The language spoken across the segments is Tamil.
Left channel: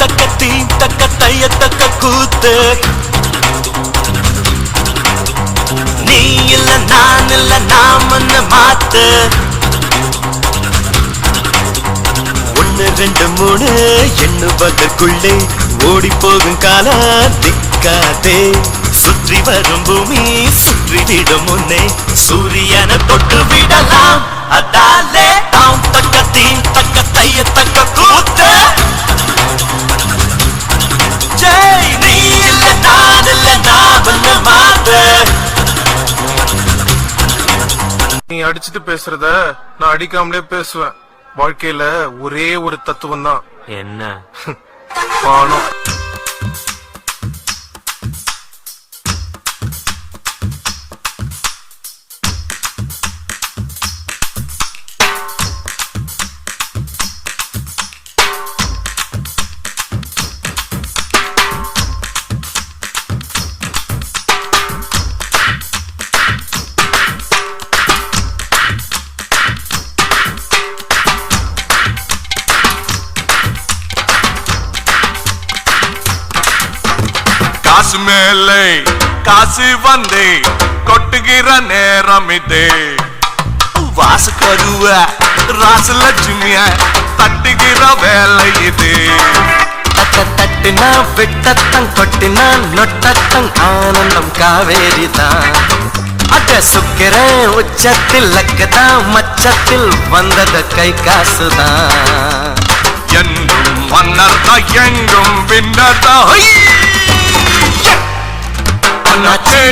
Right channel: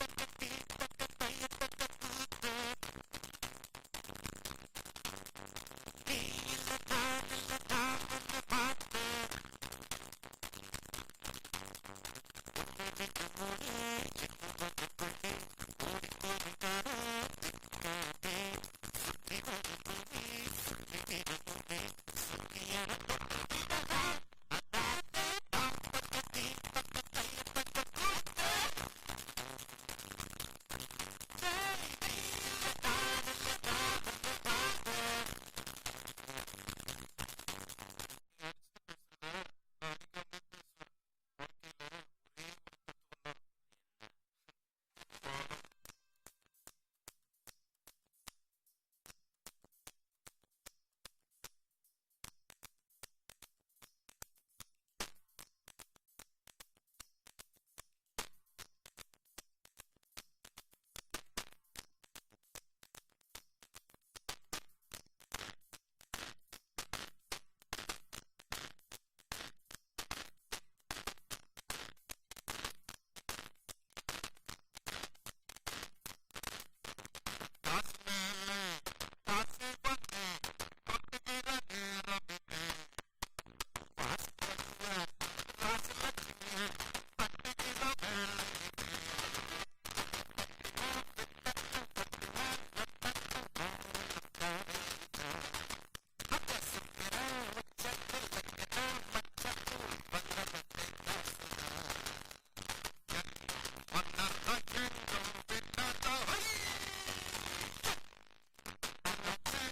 தக்க தீ தக்க தைய தக்க கூத்து நீ இல்ல நான் இல்ல நாமன்னு மாத்து 1 2 3 எண்ணுவதற்குள்ளே ஓடி போகும் காலம் திக்காதே சுற்றி வரும் பூமி சுற்றிவிடும் முன்னே சூரியனை தொட்டு விடலாம் அதாலே தாம் தக்க தீ தக்க தைய தக்க கூத்து ஜெய் நீ இல்ல நான் இல்ல நாமன்னு மாத்து நீ அடிச்சுட்டு பேசுறத நான் அடிக்காமலே பேசுவேன் வாழ்க்கையில ஒரே ஒரு தத்துவம் தான் என்ன பணம் காசு மேலே காசு வந்தே கொட்டுகிற நேரம் இதே வாசு கருவ ராசலட்சுமிய தட்டுகிற வேலை இது தட்ட தட்டுனா விட்டத்தங் கொட்டினா நொட்டத்தங் ஆனந்தம் காவேரிதான் அட சுக்கிர உச்சத்தில் லக்கதான் மச்சத்தில் வந்தது கை காசுதான் என்றும் மன்னர்தா எங்கும் பின்னர்தா அண்ணாச்சே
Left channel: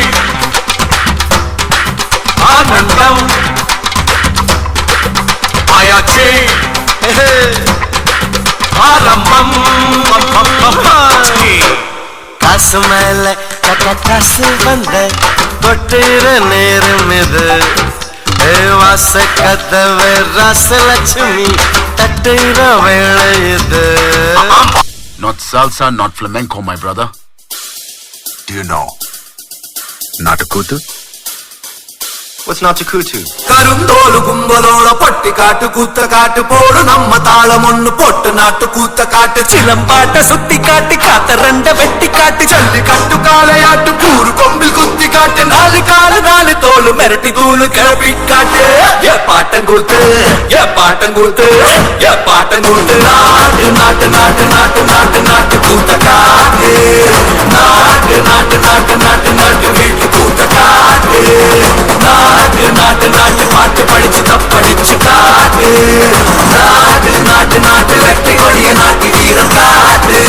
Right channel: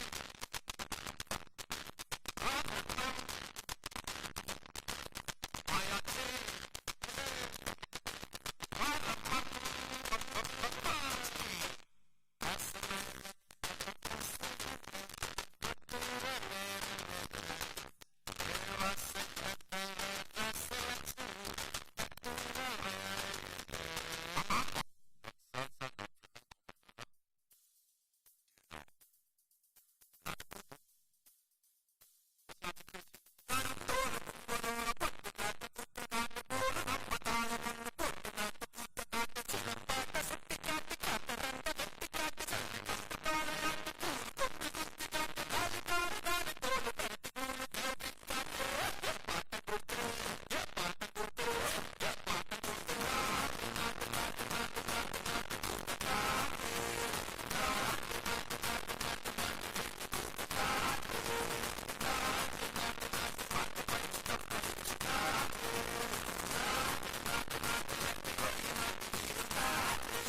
ஆனந்தம் ஆயாச்சே ஆரம்பம் காசு மேல காசு வந்த தொட்டுற நேரம் இது வாச கதவு ராசலட்சுமி தட்டுற வேளை இது Not salsa, not flamenco, my brother. Do you know Natakutu? What's Natakutu? கருந்தோலு கும்பலோட பட்டி காட்டு கூத்த காட்டு போடு நம்ம தாளம் ஒண்ணு போட்டு நாட்டு கூத்த காட்டு சிலம்பாட்ட சுத்தி காட்டு காத்த ரெண்ட வெட்டி காட்டு ஜல்லி கட்டு காளையாட்டு கூறு கொம்பில் குத்தி காட்டு நாலு காலு நாலு தோலு மிரட்டி தூளு கிளப்பி காட்டு ஏ பாட்டம் கூத்து ஏ பாட்டம் கூத்து ஏ பாட்டம் கூத்து நாட்டு நாட்டு நாட்டு நாட்டு நாட்டு நாட்டு கூத்த காட்டு நாட்டு நாட்டு நாட்டு நாட்டு நாட்டு வீட்டு கூத்த காட்டு நாட்டு நாட்டு நாட்டு பாட்டு படிச்சு தப்படிச்சு காட்டு நாட்டு நாட்டு நாட்டு வெற்றி கொடிய நாட்டி வீரம் காட்டு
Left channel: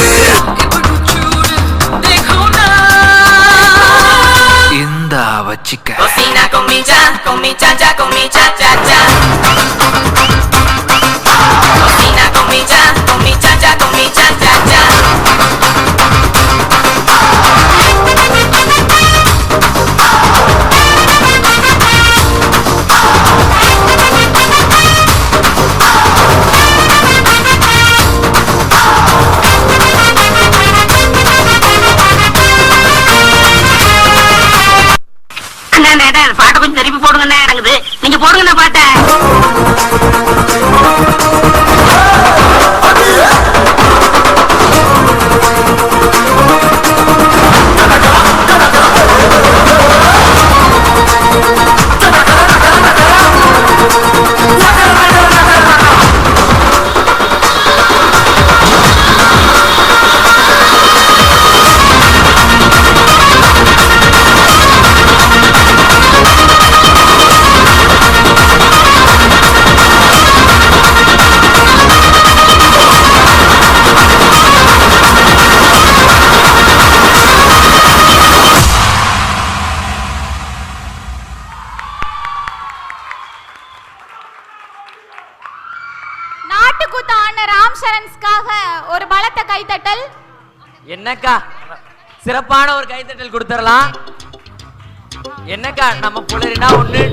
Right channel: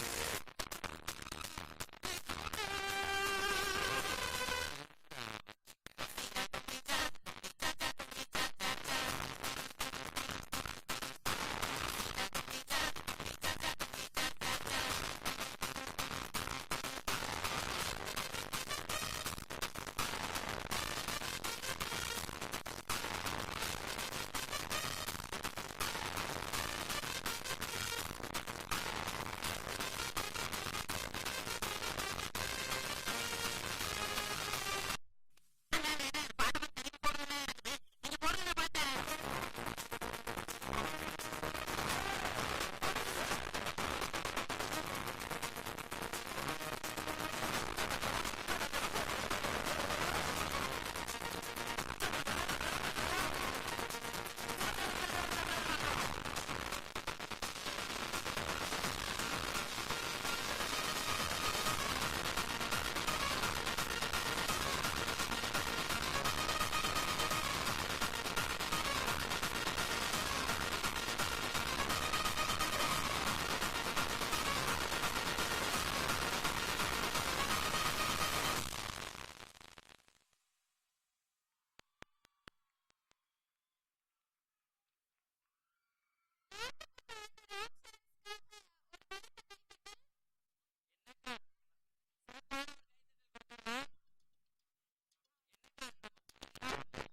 இந்தா வச்சிக்க Cocina con mi cha, con mi cha cha cha. Cocina con mi cha, con mi cha cha cha. பாட்டை கொஞ்சம் திருப்பி போடுங்கண்ணே இருக்குது நீங்க போடுங்கண்ணா பாட்டை ஒரு பலத்த கைத்தட்டல். என்னக்கா சிறப்பான ஒரு கைத்தட்டல் கொடுத்துடலாம். என்னக்கா நம்ம புலரினா ஒண்ணு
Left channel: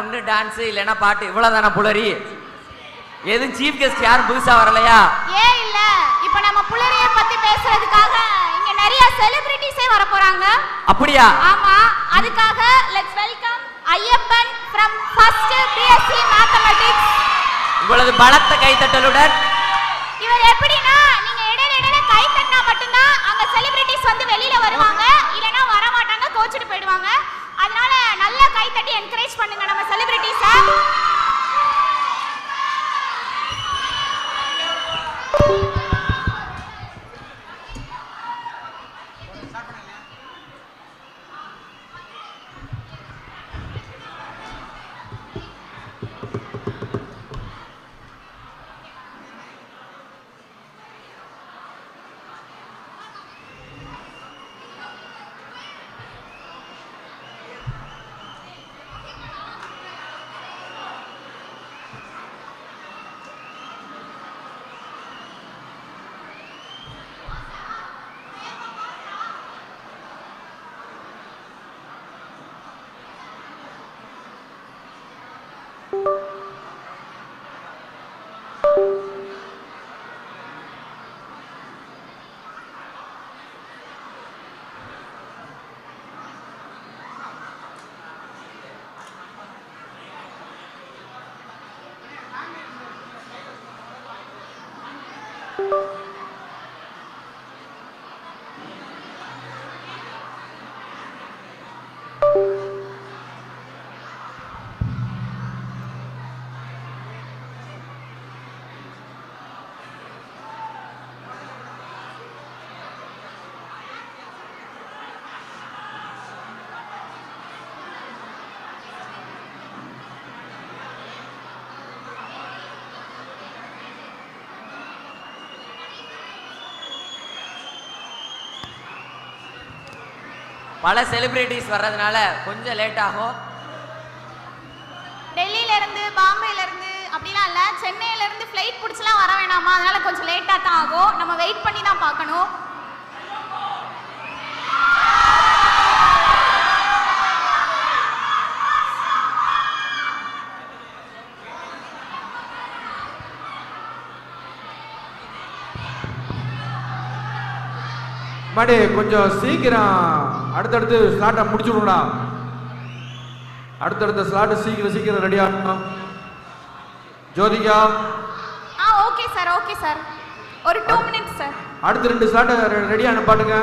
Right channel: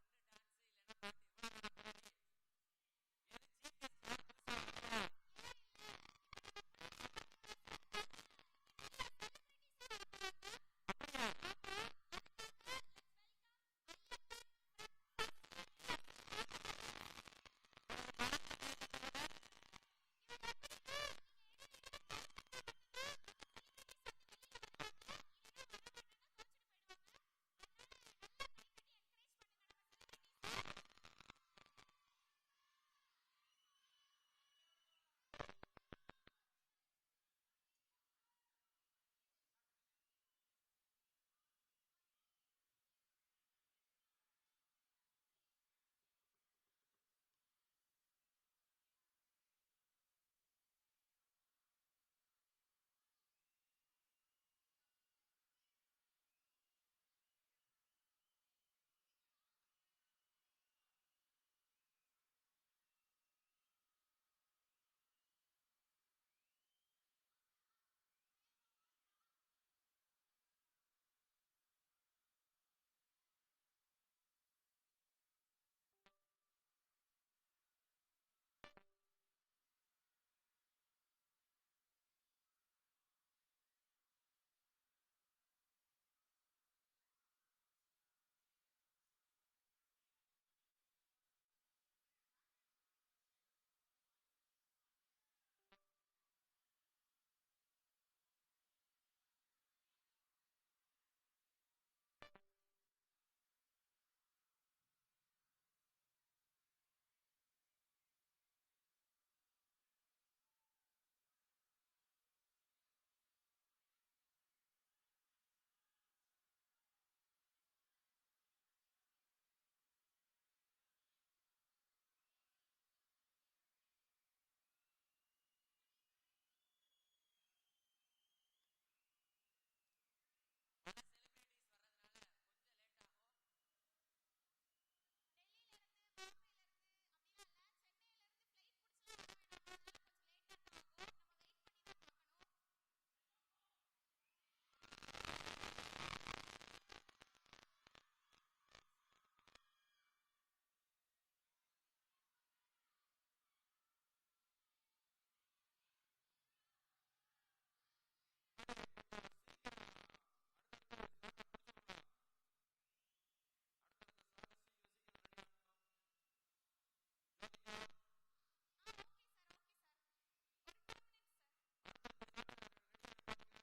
ஒண்ணு டான்ஸ் இல்லைன்னா பாட்டு இவ்வளவுதானா புலரி? எதுவும் சீஃப் கெஸ்ட் யாரும் புதுசா வரலையா? ஏன் இல்ல, இப்ப நம்ம புலரிய பத்தி பேசுறதுக்காக இங்க நிறைய செலிபிரிட்டிஸே வர போறாங்க. அப்படியா? ஆமா, அதுக்காக let's welcome Ayyappan from first BSc Mathematics. உங்களது பலத்த கைத்தட்டலுடன். இவர் எப்படின்னா நீங்க இடையில கை தட்டினா மட்டும்தான் அங்க செலிபிரிட்டிஸ் வந்து வெளியில வருவாங்க, இல்லனா வர மாட்டாங்க, கோச்சிட்டு போயிடுவாங்க. அதனால நல்லா கை தட்டி என்கரேஜ் பண்ணுங்க நம்ம செலிபிரிட்டிஸ. பல செலிபிரிட்டிஸ் வர்றதுனால கொஞ்சம் லேட் ஆகும். டெல்லியில இருந்து பாம்பேல இருந்து அப்படிலாம் இல்ல, சென்னையில இருந்து ஃளைட் பிடிச்சலாம் வர வேணாமா, அதனால கொஞ்சம் லேட்டா தான் ஆகும். நம்ம வெயிட் பண்ணி தான் பார்க்கணும். மாடி கொஞ்சம் சீக்கிரம் அடுத்தடுத்து ஸ்லாட்டை முடிச்சு விடுங்கடா. அடுத்தடுத்த ஸ்லாட்டு சீக்கிரம் ரெடி ஆகணும். Jyothika. Okay sir, okay sir, ஒரு 2 மினிட்ஸ் சார். அடுத்த 2 ஸ்லாட்டை ரெடியான பாட்டுங்க.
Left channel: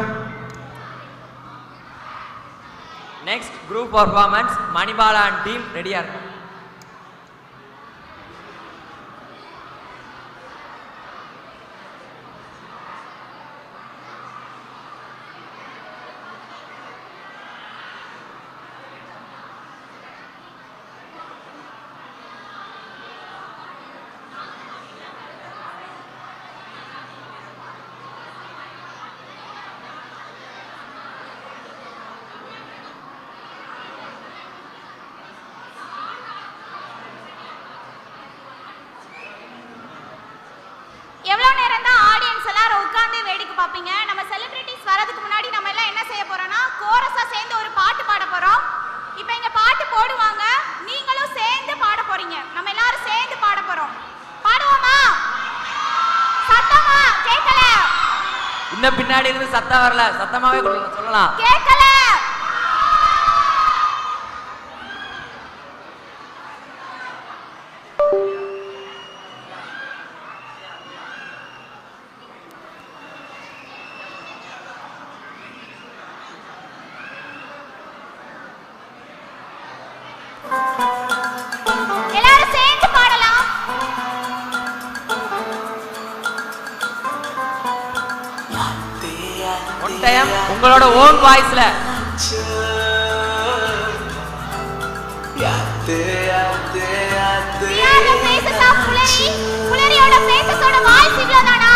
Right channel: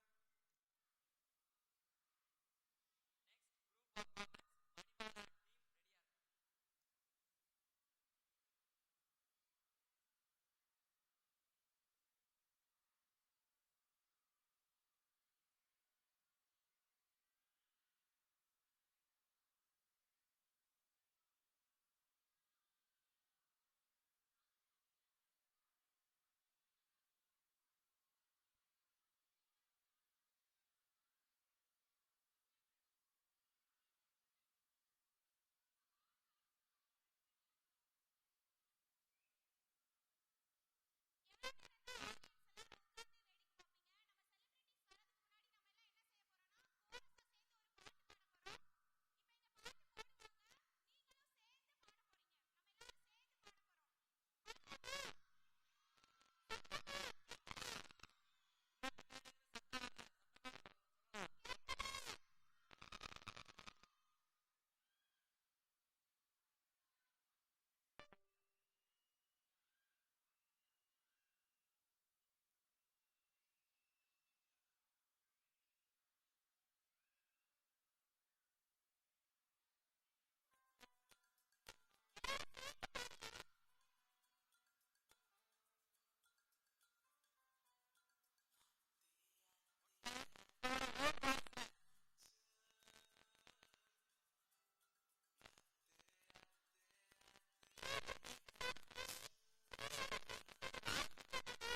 Next group performance Manibala and team ரெடியா இருக்கும். எவ்வளவு நேரம் தான் ஆடியன்ஸ் எல்லாரும் உட்கார்ந்து வேடிக்கை பார்ப்பீங்க? நம்ம செலிபிரிட்டிஸ் வரதுக்கு முன்னாடி நம்ம எல்லாம் என்ன செய்ய போறோம்னா கோரஸா சேர்ந்து ஒரு பாட்டு பாட போறோம். இப்போ இங்க பாட்டு போடுவாங்க, நீங்களும் சேர்ந்து பாட போறீங்க. நம்ம எல்லாரும் சேர்ந்து பாட போறோம். பாடுவோமா? சத்தமா கேட்கல. இன்னும் பின்னாடி இருந்து சத்தம் வரல, சத்தமாவே சொல்லலாம். கேட்கல. எல்லாரும் சேர்ந்து பாடலாம். ஒன் டைம் உங்களோட ஓன் வாய்ஸ்ல. புலரியோட பேசஸோட வாய்ஸ் இவ்வளவுதானா?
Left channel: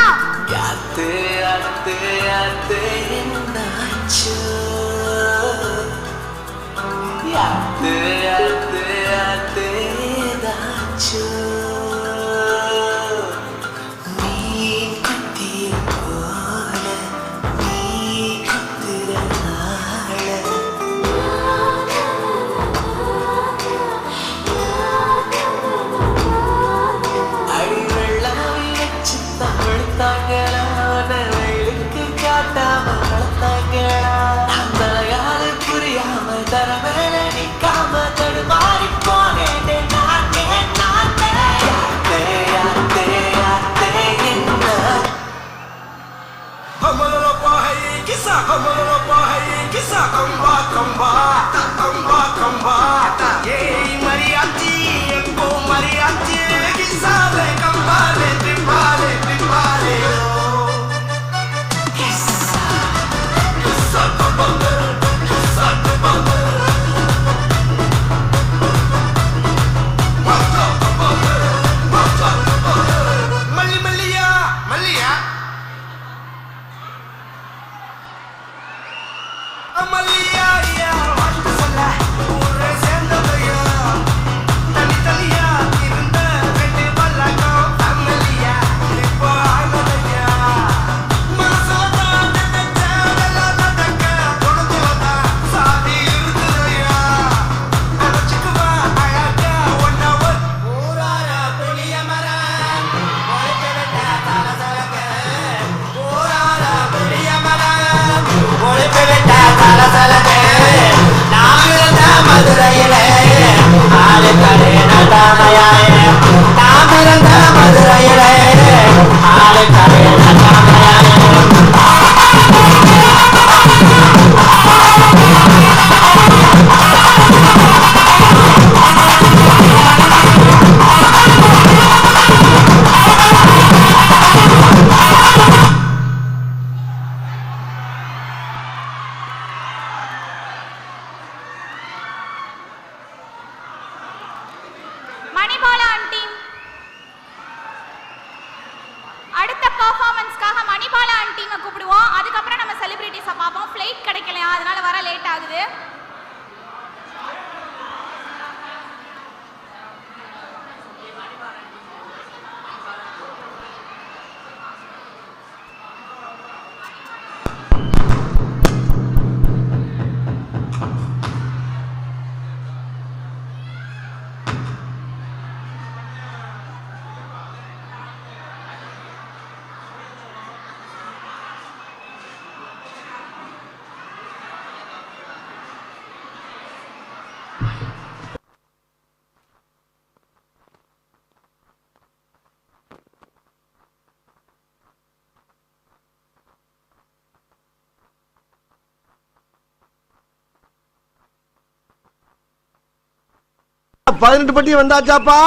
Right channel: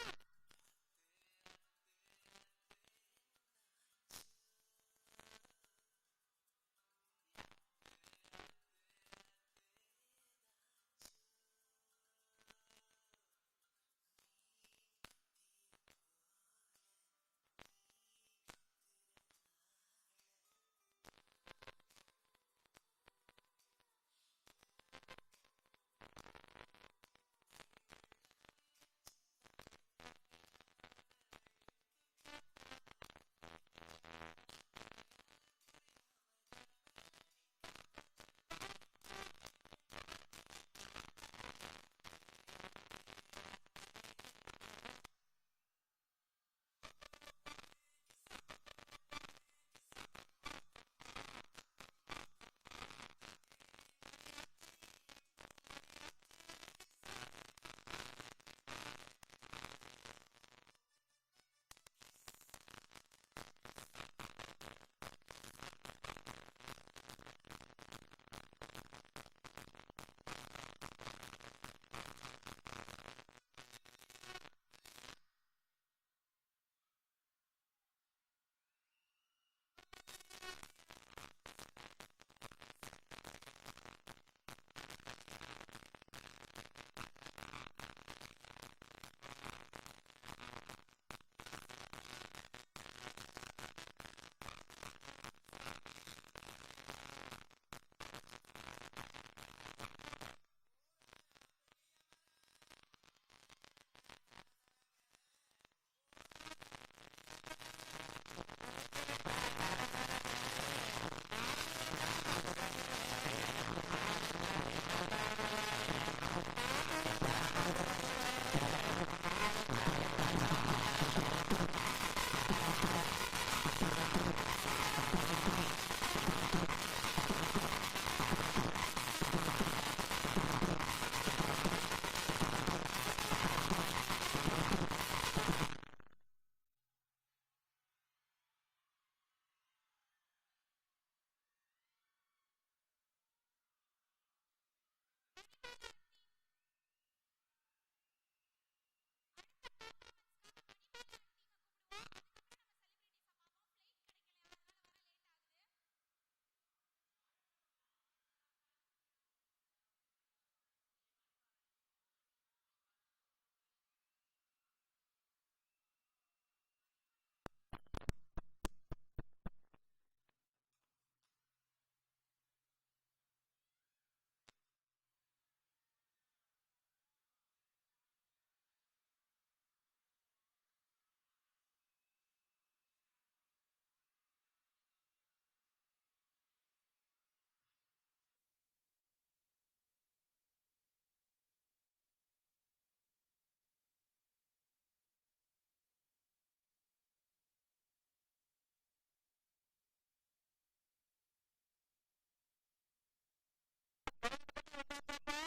18 பட்டி வந்தாச்சாப்பா.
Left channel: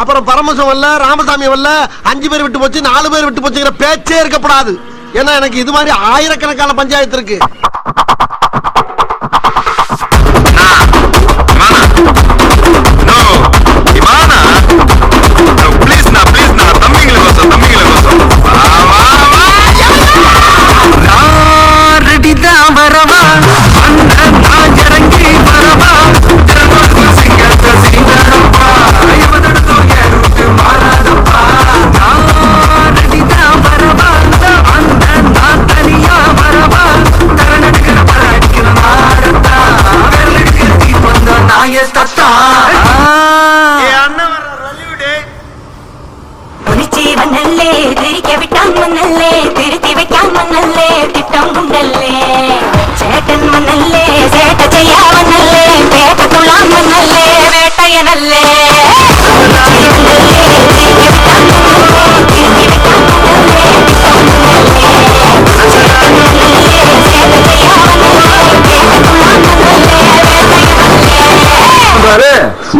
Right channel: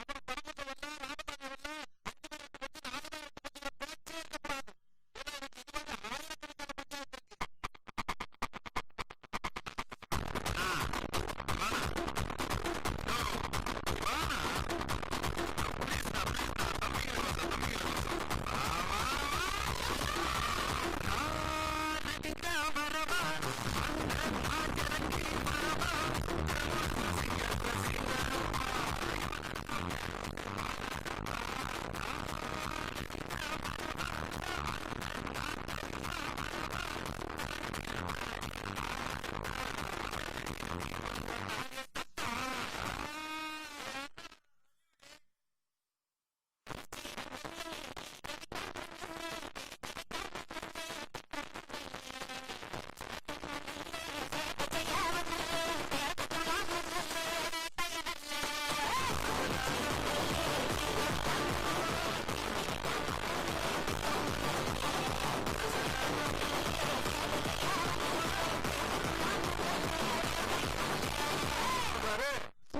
அப்புறம் பரமசம் வரல, ராமசாமி வரல, 5 பேர் விட்டு போச்சு, 4 பேர் விட்டு போச்சுங்கிற பேச்சே இருக்கப்படாது. ஏன்னா எனக்கு இது மாதிரி ஆயிரக்கணக்கான பஞ்சாயத்து இருக்கு. திருத்தி வைக்காம நல்லே திட்டம் உண்டல்லே சேட்டன் மண்ணல்லே சேட்ட செய்யாம நல்லே பேட்ட துளாம நல்லே வேட்டைய நல்லே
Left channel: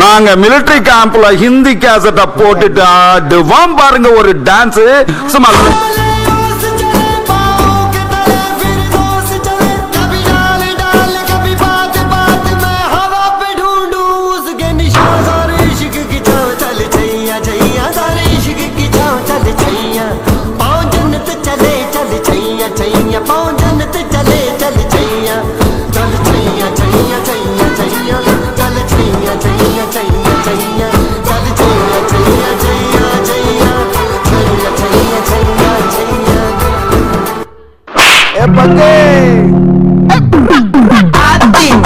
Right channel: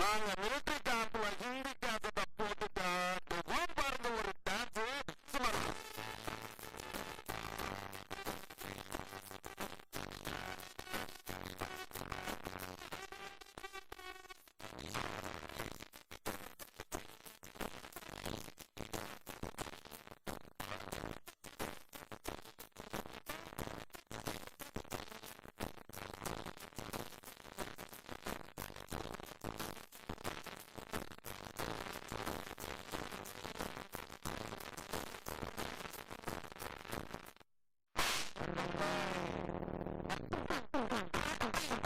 நாங்க மிலிட்டரி கேம்ப்ல ஹிந்தி கேசட்ட போட்டுட்டு ஆடுவாம் பாருங்க ஒரு டான்ஸ். சும்மா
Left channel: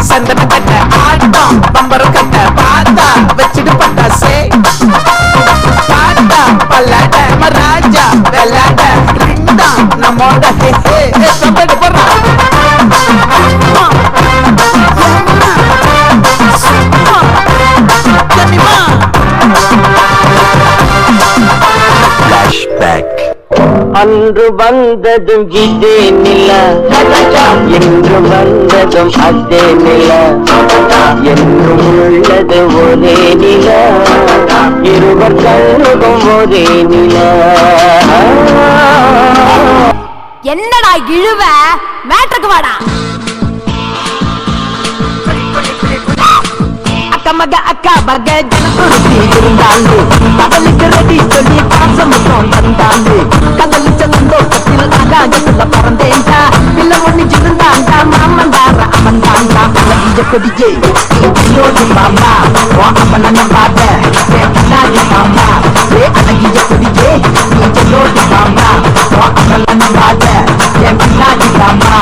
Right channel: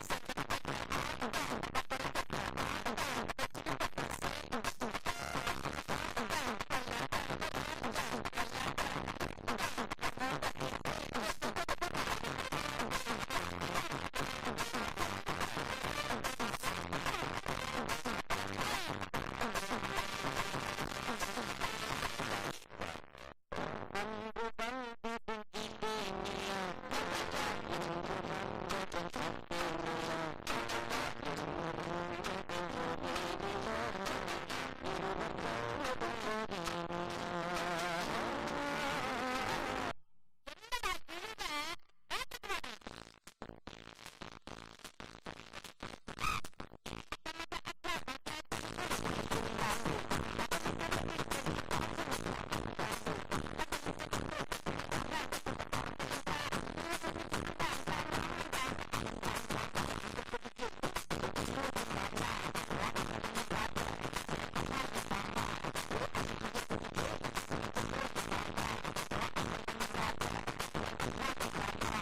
சந்தன கட்ட ஆட்டம் பம்பர கட்ட பாத்தா வச்சுட்டு பட்டாசே பாட்டா பல்லாட மராஜா வெள்ளாட ரிண்டா நம்மோட ஹே ஹே சம்பட போறா அன்று வந்ததும் இதே நில, என்று வந்ததும் அதே நில, என்றும் உள்ளது ஒரே நில, இருவர் கண்ணுக்கும் ஒரே நில. என்னடா இழுவ மேட்ருக்கு வாடா. அக்கா மக அக்கா மக ஜனத்துருத்தி இருந்தாண்டு கடலுக்கு ரெடி சொல்லி பாசமுத்தம் தந்தாண்டு கடலு செல்லந்தோட்டத்தில் ஆகாயத்துல பறந்தேண்டா பிள்ளை ஒண்ணு இருந்தாண்டா மாமந்தார அவன் தாண்டா அழகிய கொடியே யோடி மாமா அவன பாட்ட மாமா அழகிய கொடியே யோடி மாமா அவன பாட்ட என் பின்னாடி மாமா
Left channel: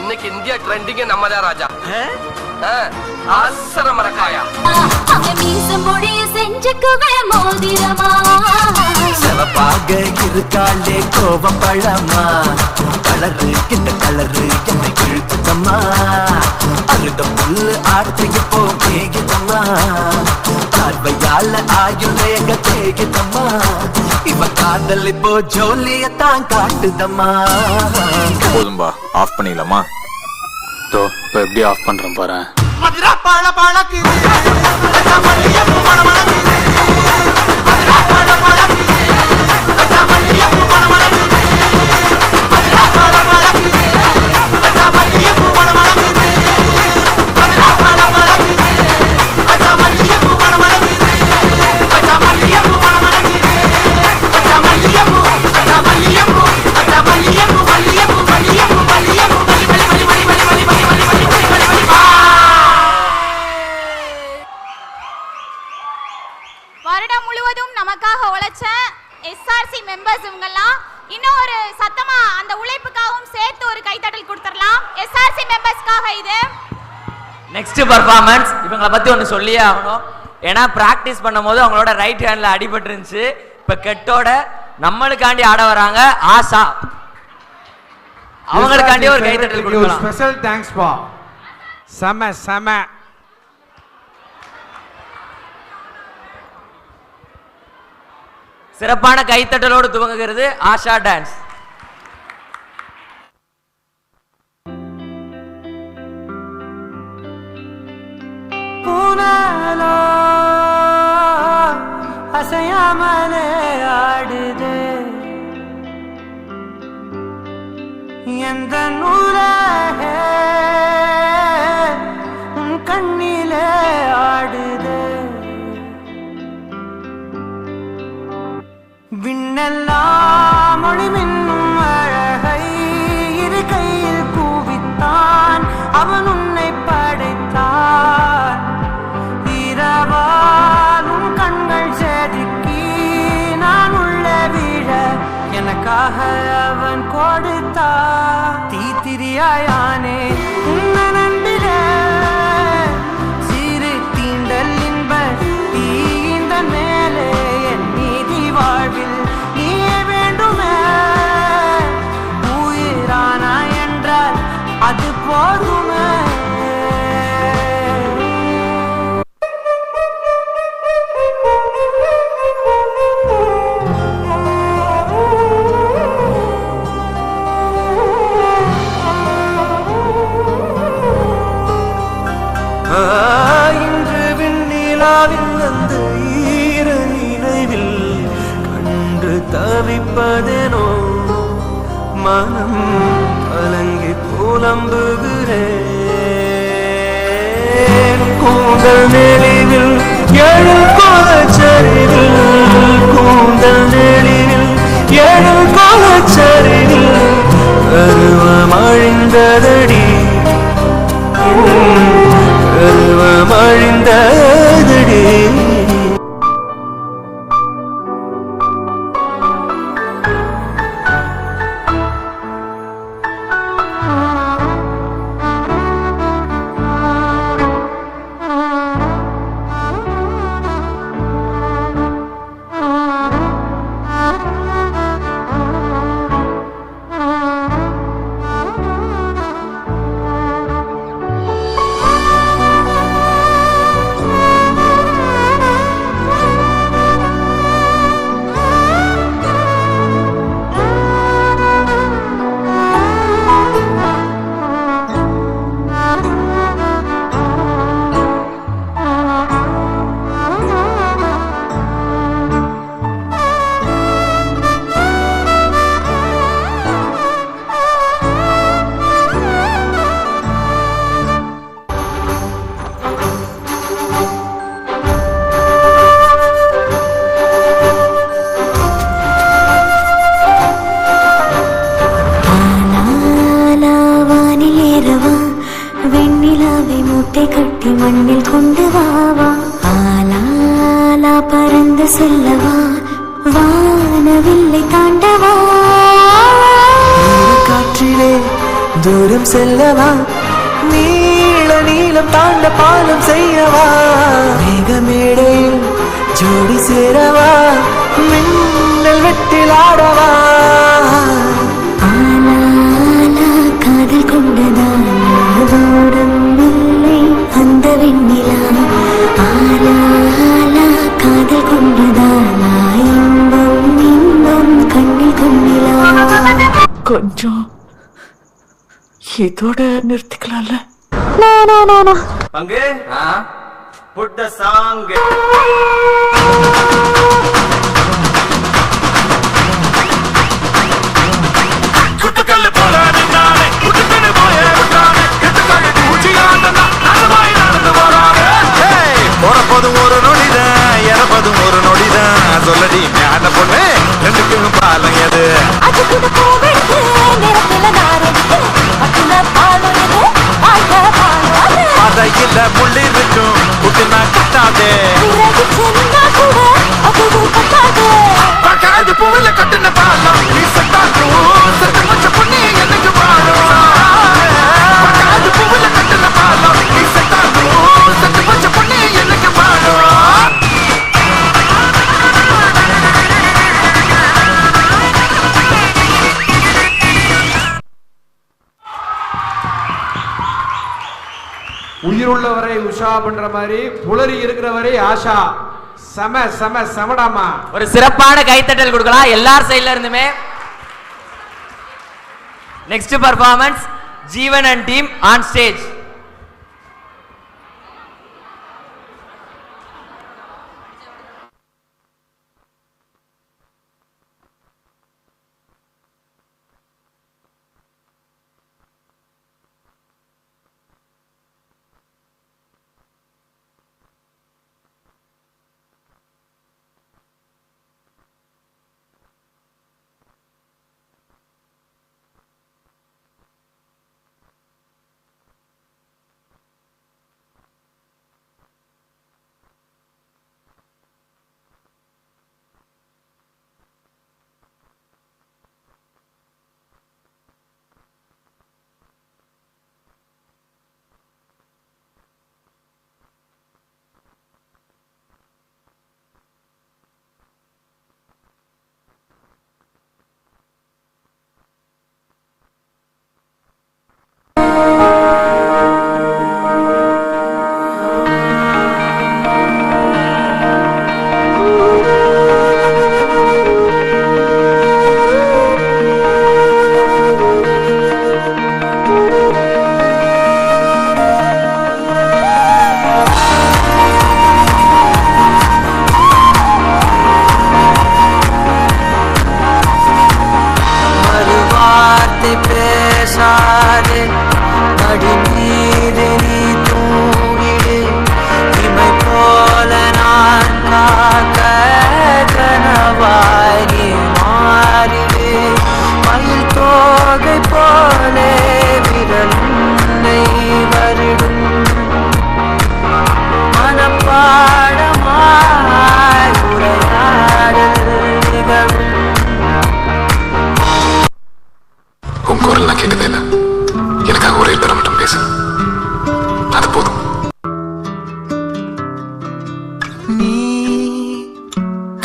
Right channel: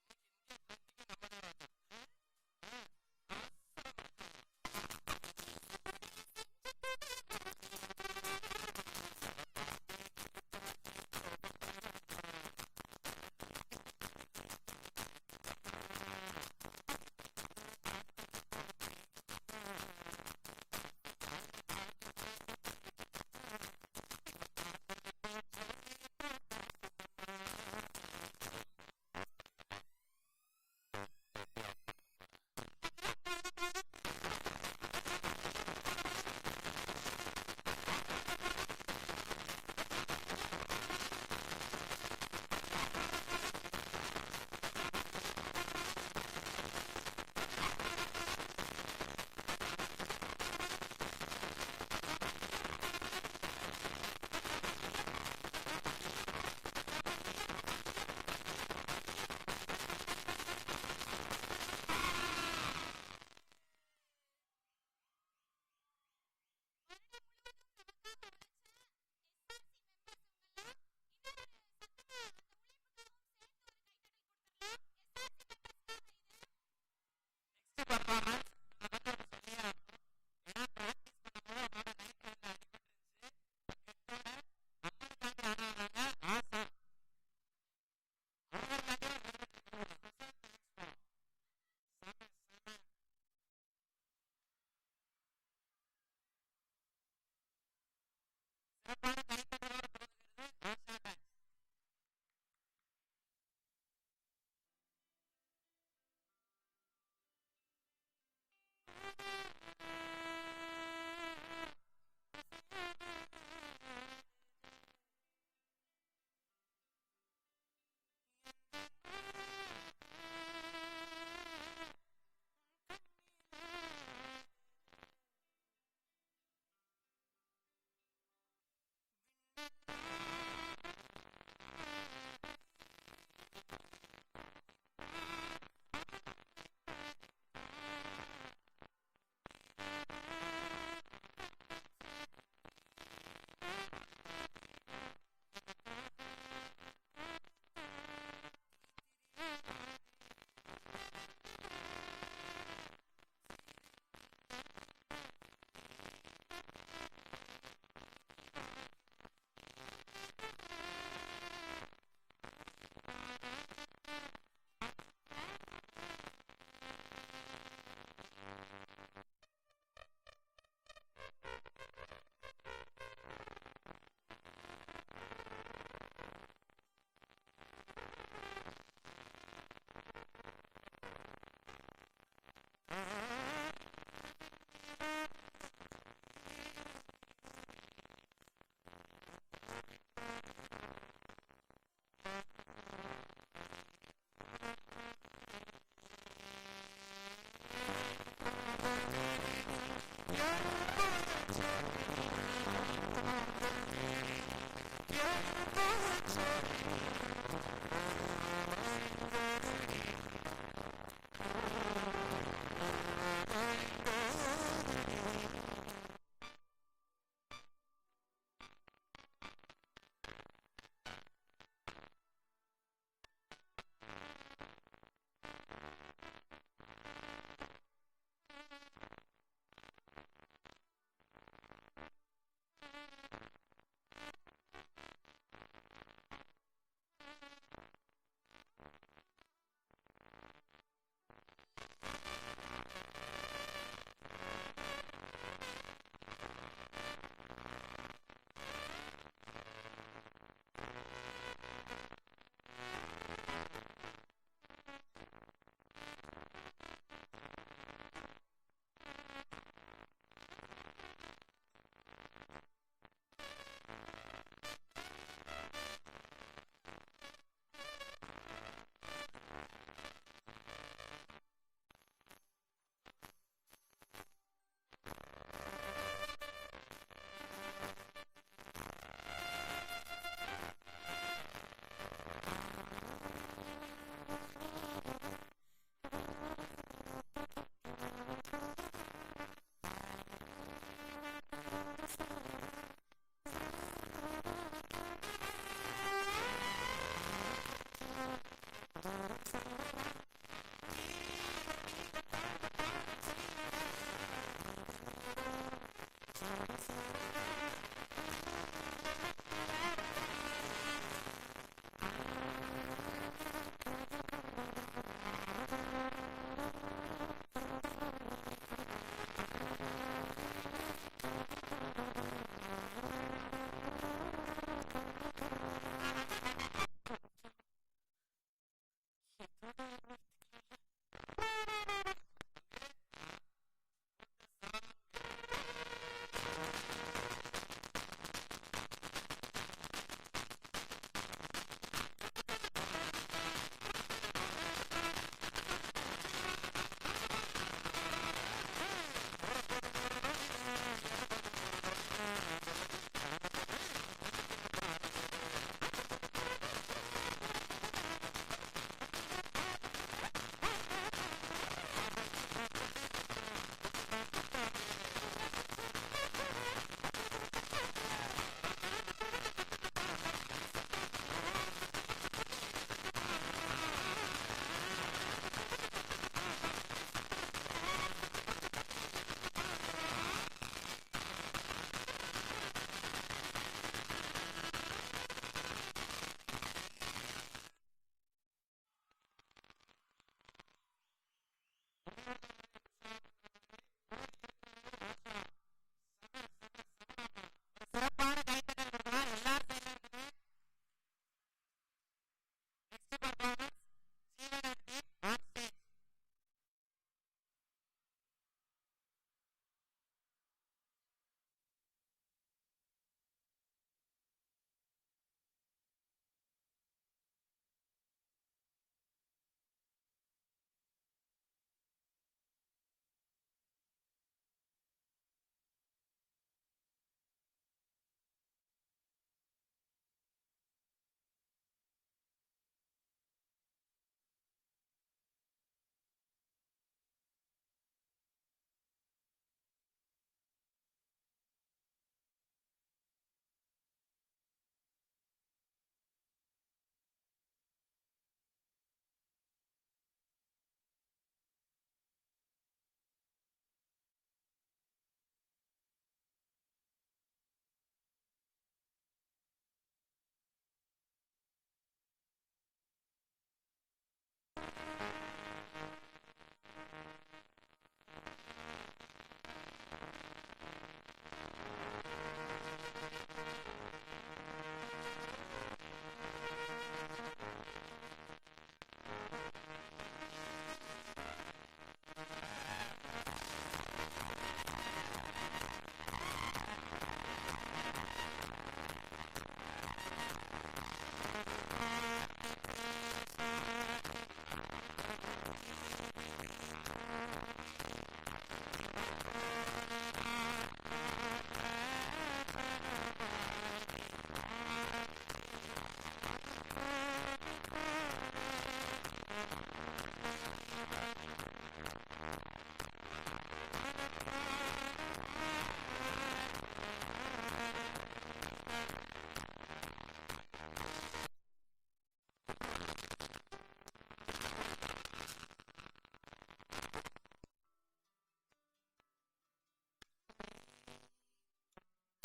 இன்னைக்கு இந்தியா ட்ரெண்டிங் நம்ம தான் ராஜா. ஆசர மரக்காயா செஞ்சுக்குவே மோதிரமா சிவப்பாக இருக்காளே கோவப்பழமா கலரு இந்த கலரு என்னை கிழிச்சம்மா அழுத புல்லு ஆட்டைக்கு போ கேக்குதம்மா பார்வையால ஆயுள் தேகுதம்மா இவ காதல் இப்போ ஜோலியத்தான் காட்டுதம்மா. போதும்பா, ஆஃப் பண்ணிடலாமா? தோ இப்போ எப்படி ஆஃப் பண்றேன் பாரு. என்சிசி மெம்பர்ஸ்க்காக இது. நெக்ஸ்ட் பர்ஃபார்மன்ஸ் இவங்களை பத்தி ஒன்று சொல்லியே ஆகணும். ஏன்னா பிராக்டிஸ் பண்ணும்போது அவங்களோட ரைட் ஹேண்ட்ல அடிபட்டு இருந்துச்சு. இப்ப கெட்டோட நம்மளுக்காண்டி ஆட வராங்க ஆசா. அவங்களுக்காண்டி ஒரு கைத்தட்டல் கொடுக்கலாம். ஸ்பெஷல் தேங்க்ஸ் பா. செம செம. சிறப்பான கைத்தட்டலோடு துவங்குகிறது ஆஷா டான்ஸ். அசையாமலே ஆடுது எந்த நூலாக உன் கண்ணிலே ஆடுது விண்ணெல்லாம் மொழிமின்னும் அழகை இரு கையில் கூவித்தான் அவன் உன்னை படைத்தான். இரவாலும் கண்கள் செதுக்கி நான் உள்ள விழ எனக்காக அவன் கொடுத்தா. தீத்திரியாயானே உன்ன நம்பிட சிறு தீண்டல் இன்ப தீந்த மேலே என் நீதி வாழ்வில் நீயே வேண்டுமே. உயிரானா என்றால் அது போதுமே. இன்று விண்ணிலாவில் அந்த ஈர நினைவில் கண்டு தவிப்பதேனோ மனம் கலங்கி புலம்புகிறேன். கூந்தல் நெளிவில் எழும் கோலச்சரிவில் கூந்தல் நெளிவில் எழும் கோலச்சரிவில் பருவம் அழிந்ததடி பருவம் அழிந்ததடி. வெண்ணிலாவை மூட்டை கட்டி மண்ணில் கொண்டு வாவா. ஆலாலா பறந்து செல்லவா வானவில்லை தாண்டவா. காற்றிலே தூரம் செல்லவா நீள நீளம் தாண்ட பாலம் செய்யவா. மேகமேடையில் ஜோடி சேரவா மின்னல் வெட்டில் ஆடவா. ஆலாலா காதல் கொண்டதால் தூரம் இல்லை அந்த வெண்ணிலா. ஆலாலா காதல் கொண்டதாலா இன்பம் இன்பம் கண்ணில் கொண்டிலா. கொஞ்சம் இதோட நிறுத்திக்கலாம்ல. அங்கே புட்ட சாங். குத்துக்கல்லு போல நின்னானே குத்துக்கல்லு போய விட்டானே எதுக்காக பூச்சியாண்டனா நாசமாய் நடந்து போறானே. போறப்போதும் ஒரு நொடிதான் இறப்பதும் ஒரு நொடிதான் சொல்லடி ஞான பொண்ணு ரெண்டுக்கும் பாலம் எது. பதையில முள்ளி இருக்கும் குட்டினா கட்டாதே. கூட உயிர் உள்ளவரை உஷா பண்ற மாதிரி புலரி இருக்கிறவரை ஆஷா. செம செம செமடாமா. ஒரு சிறப்பான கைத்தட்டல் கொடுக்கலாம் எல்லார் சைடுல இருந்துமே. Next performance Jeevan and team on stage.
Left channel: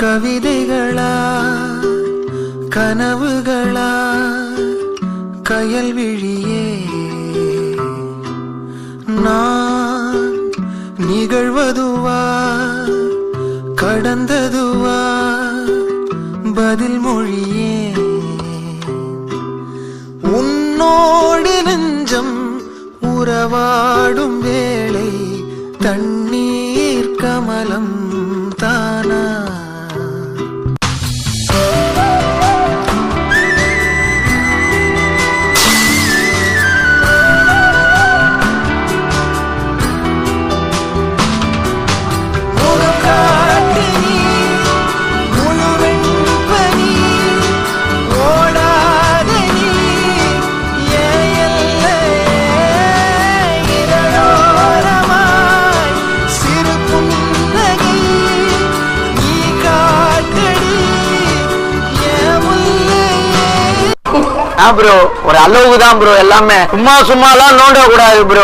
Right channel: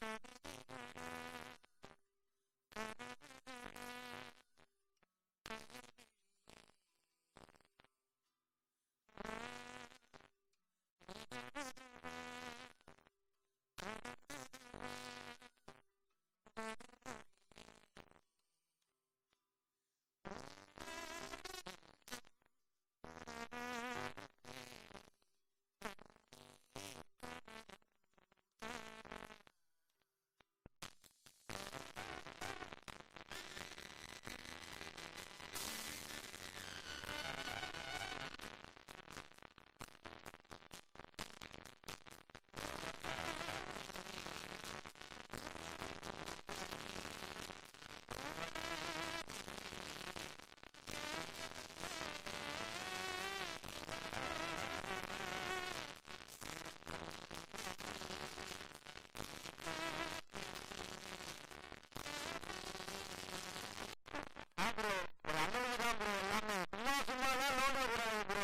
கவிதைகளா கனவுகளா கயல்விழியே நான் நிகழ்வதுவா கடந்ததுவா பதில் மொழியே உன்னோடு நெஞ்சம் உறவாடும் வேளை தண்ணீர் கமலம் தானா ப்ரோ ஒரு அளவுக்கு தான் ப்ரோ எல்லாமே சும்மா சும்மாலாம் நோண்ட கூடாது ப்ரோ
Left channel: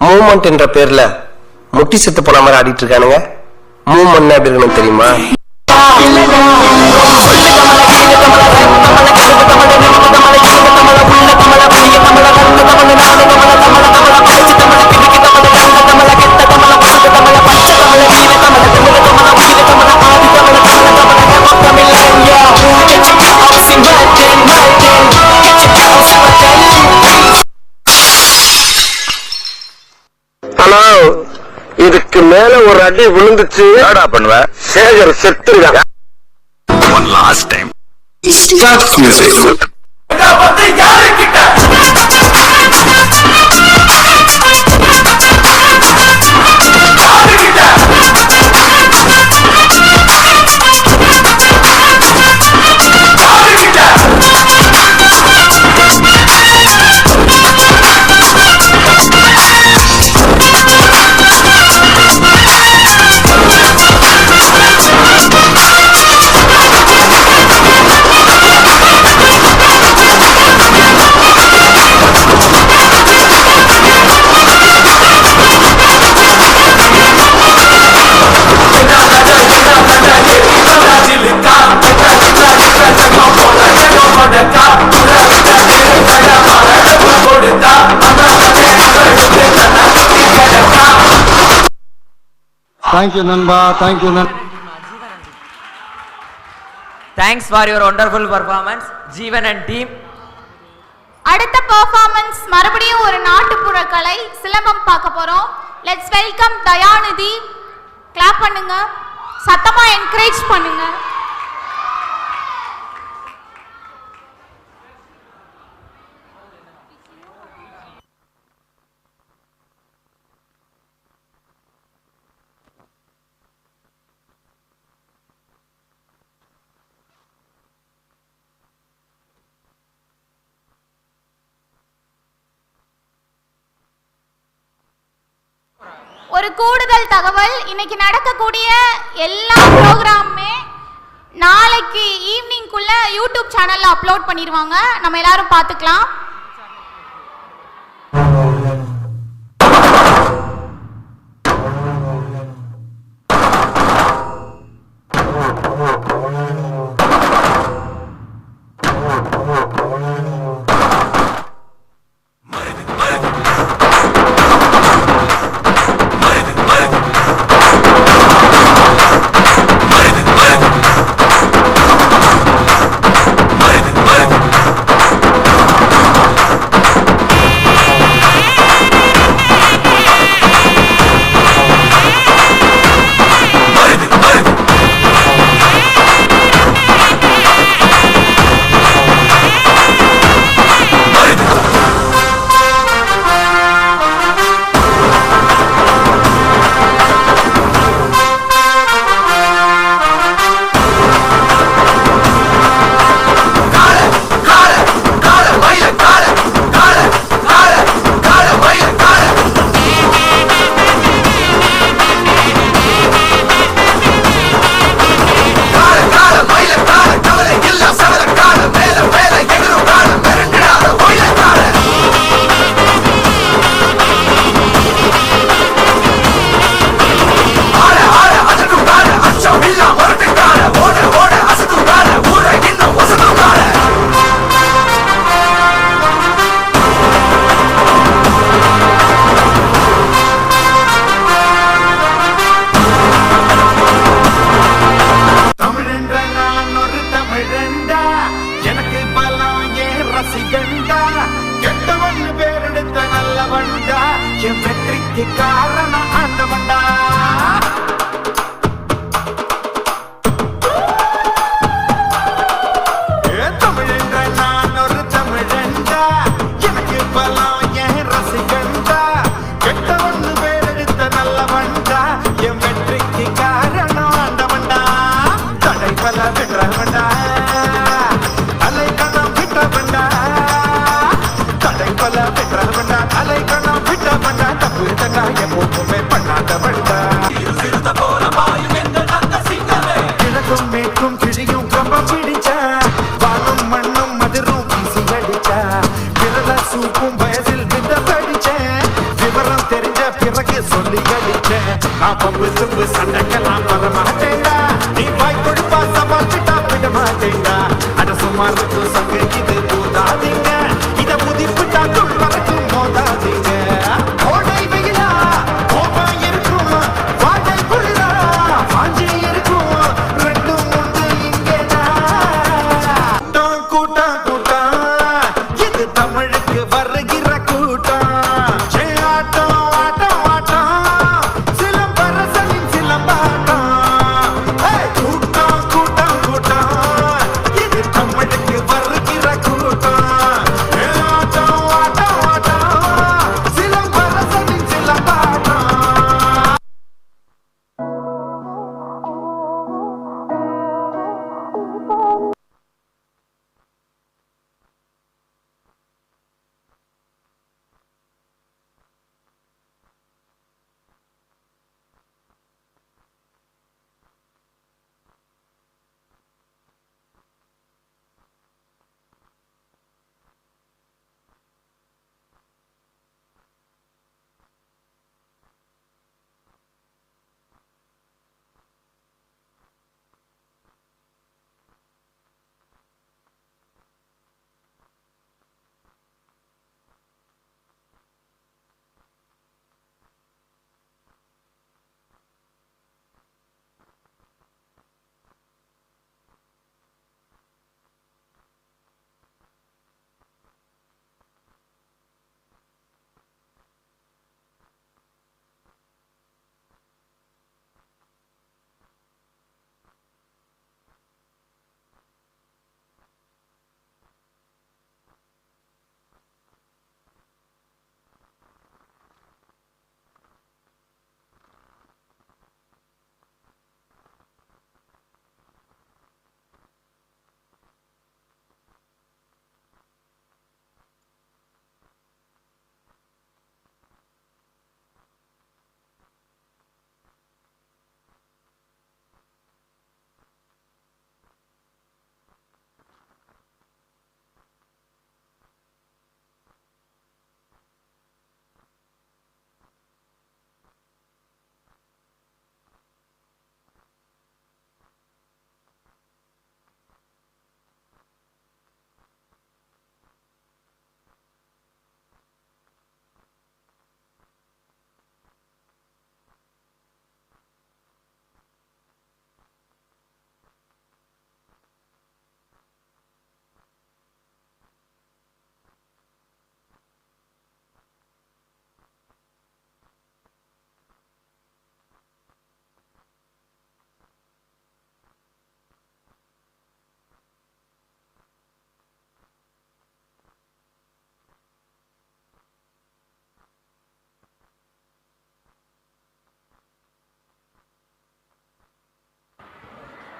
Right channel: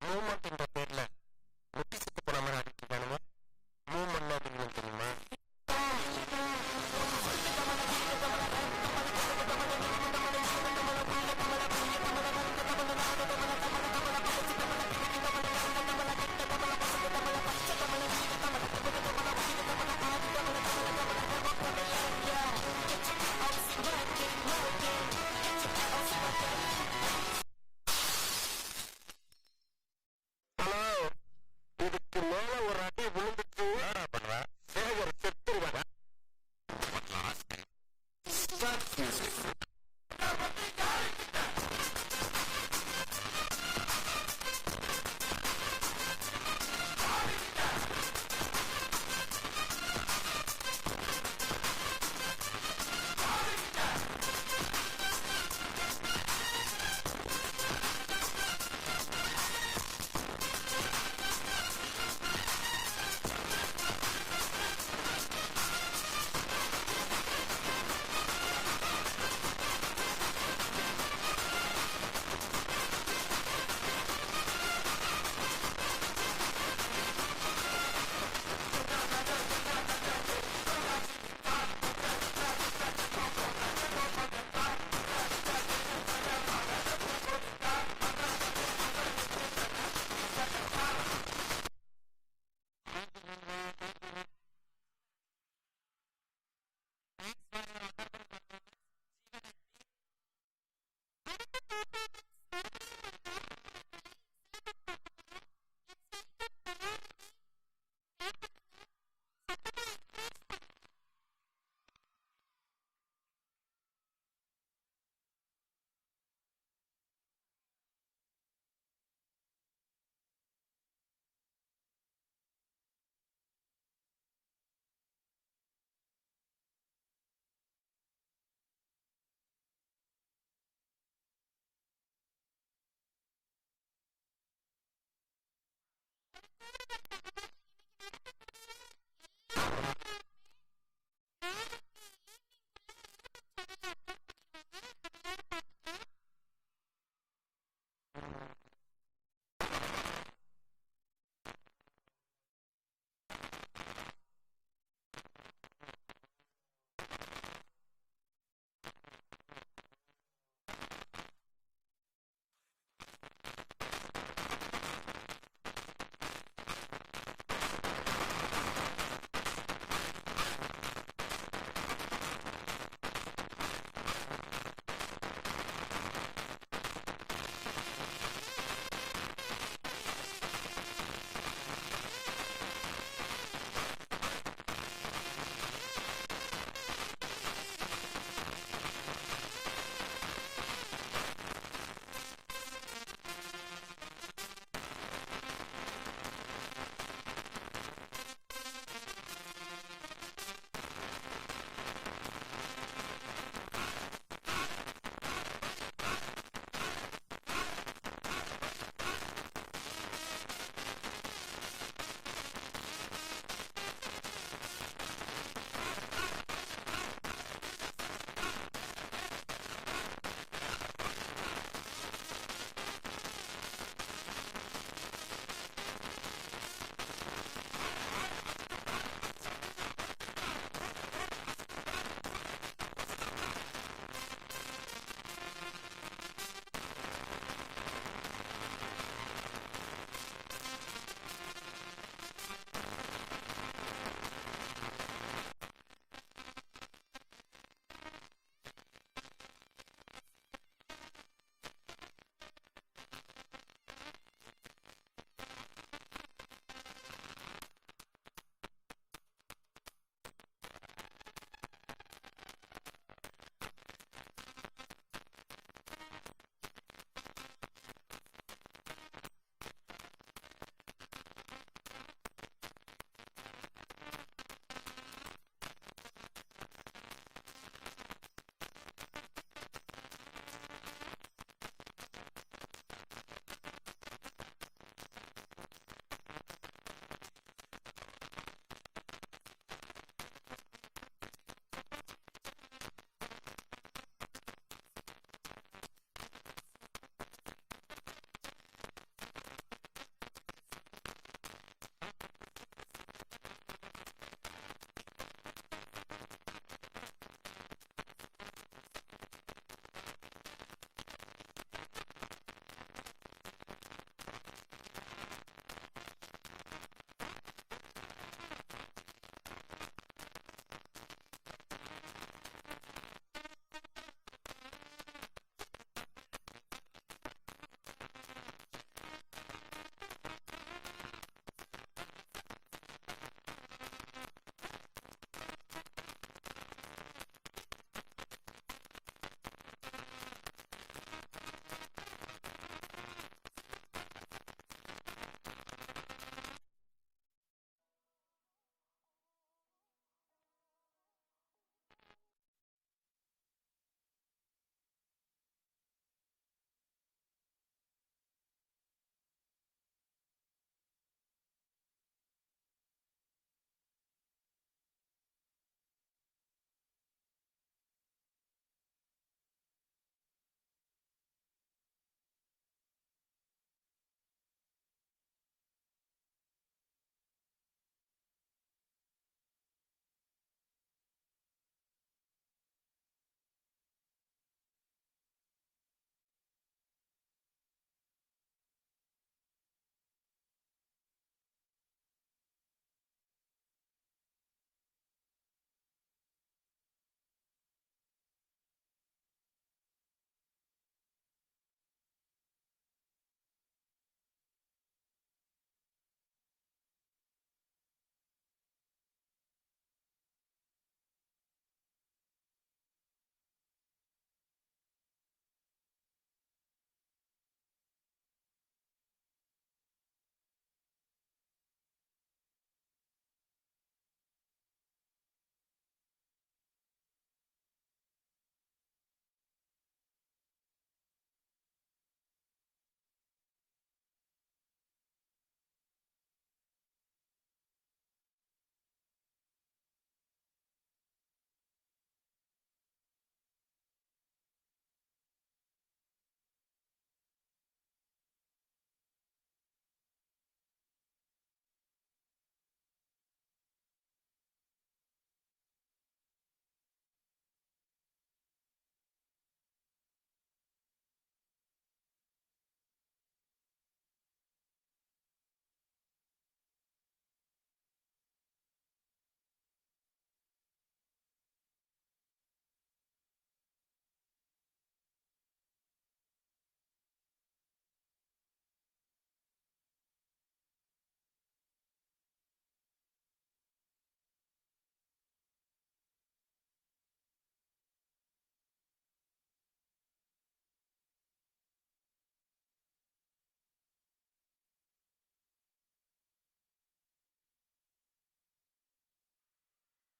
மூமெண்ட் என்ற பேர்ல முட்டி செத்து போன மாதிரி ஆடிட்டு இருக்கானுங்க. மூமெண்ட் எப்படி இருக்கணும் தெரியுமா? இல்லடா இல்லடா சொல்லு கமல கீழ கமல கமல கமல கமல நின்று கமல கீழ கமல உள்ள கமல புளிய கமல கண்ணு கமல நாடு கமல கமல கமல பச்சை கமல கிறுக்கு கமல கண்ணு கமல கெட்ட கமல பசுக்கு கமல பச்சை கமல வீர கமல கமல கமல உயிர கமல ஆதி கமல கமல கமல கமல கமல யா get your house in Martin Martin get your house in Martin. ஹலோ, இதுக்கு மேல ஒரு அடி விழுந்துச்சு என்னடா பண்ணுவ? சேகர் செத்துருவான். One last time. Start music. Thank you நண்பா, thank you thanks for your wonderful performance Jeevan and team. அடுத்த பெர்ஃபார்மன்ஸ் மறுபடியும் ஒரு நாட்டுப்புற கலை சிலம்பம் பார்க்க போறோம். Let's welcome Dayanidhi. கிளாப் பண்ணுங்க, சத்தமா என்கரேஜ் பண்ணுங்க. ஒரு கூடுதல் தகவல், இன்னைக்கு நடக்கக்கூடிய எல்லா ப்ரோக்ராமுமே நாளைக்கு ஈவினிங்குள்ள யூடியூப் சேனல்ல அப்லோட் பண்ணிடுவாங்க. நம்ம எல்லாரும் பார்த்துக்கலாம்.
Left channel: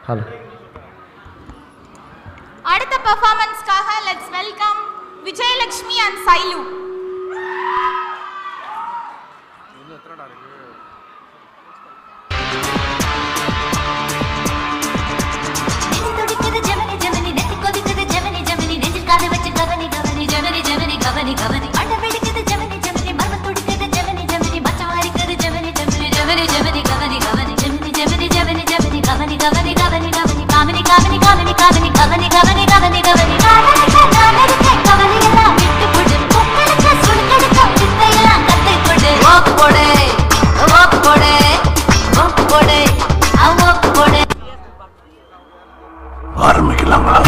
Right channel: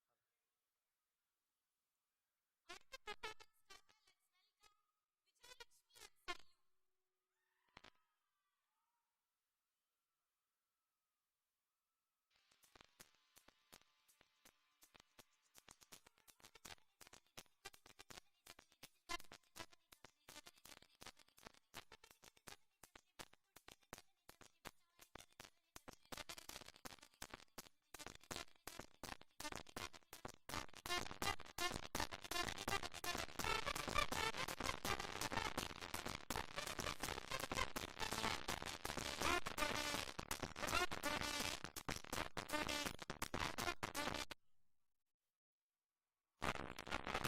ஹலோ. அடுத்த பெர்ஃபார்மன்ஸ்க்காக let's welcome Vijayalakshmi and Sailu. ஆரம்பிக்கலாங்களா?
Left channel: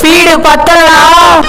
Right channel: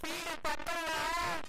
ஸ்பீடு பத்தலாம்.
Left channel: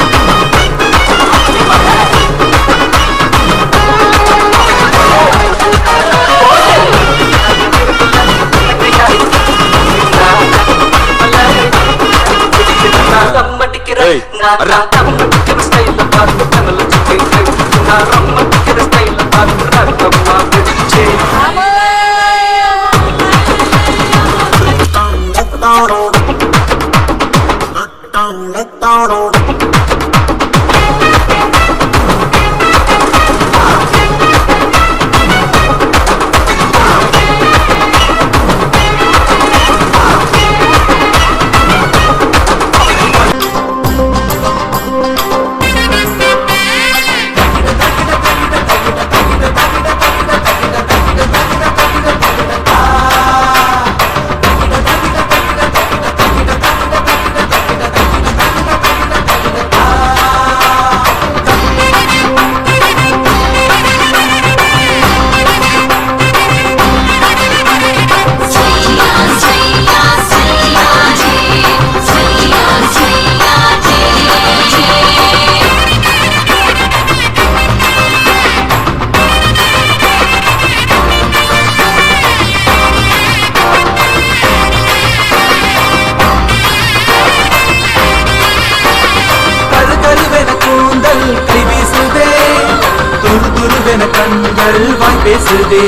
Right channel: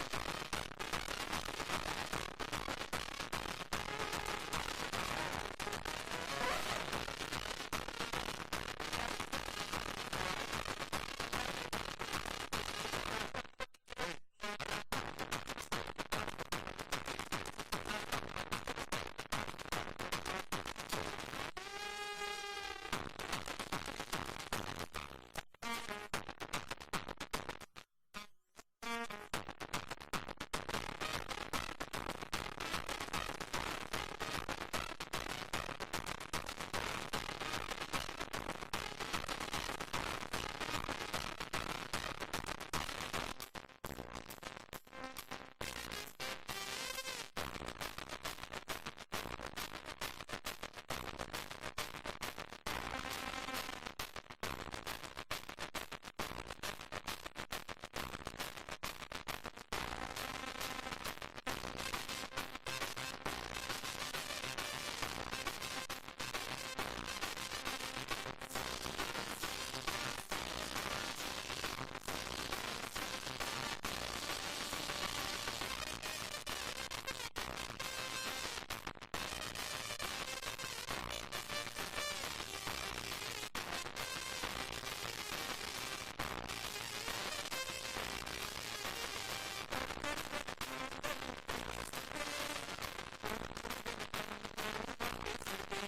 பேசுதே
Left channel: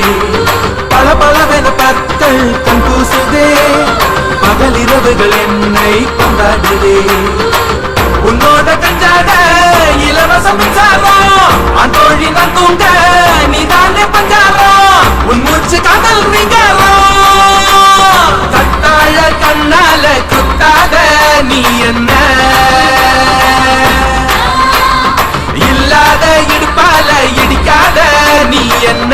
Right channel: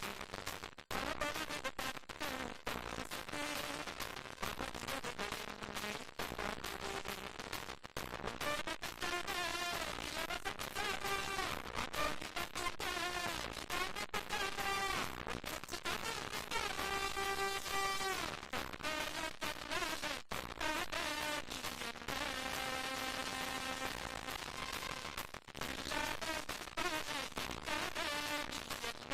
பல பலவென பற்கள் கண் கூசுதே பகலிரவுகள் என்னை கொண்டாடுதே உன்னோட கஞ்சாட இலவச மின்சாரம் அந்தோழி நான் தூங்க நீதானே பஞ்சாரம் உன் மூச்சு காதல் நீங்காரம் கட்டாழ கண்ணால குத்தாத நீ என்ன இல்லாத இடுப்பால இடிக்காத நீ என்ன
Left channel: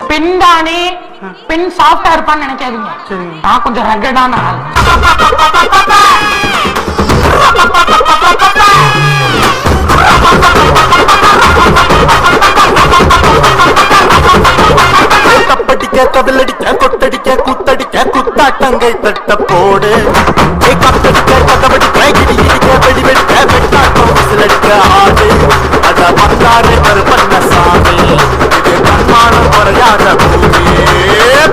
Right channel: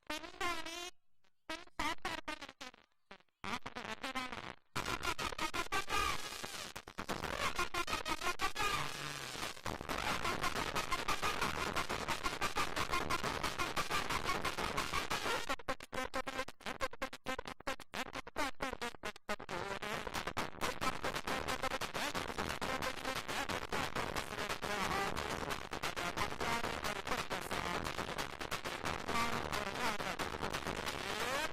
பின்தானே பின் சாஃப்டா இருப்பான்னு நினைக்காதீங்க. நான் கொஞ்சம் ரகடான ஆள். தப்படிக்க கதலடிக்க கொட்டடிக்க குத்தடிக்க குத்தாட்டங்கள் தட்ட போடு கத்தடிக்க கதவடிக்க இடி இடிக்க வெடி வெடிக்க வெட்டாட்டம் விசிலடிக்க ஆடு அத பத்தாறு கருப்பண்ண சாமி இது கண்மானம் குறையாத பூமி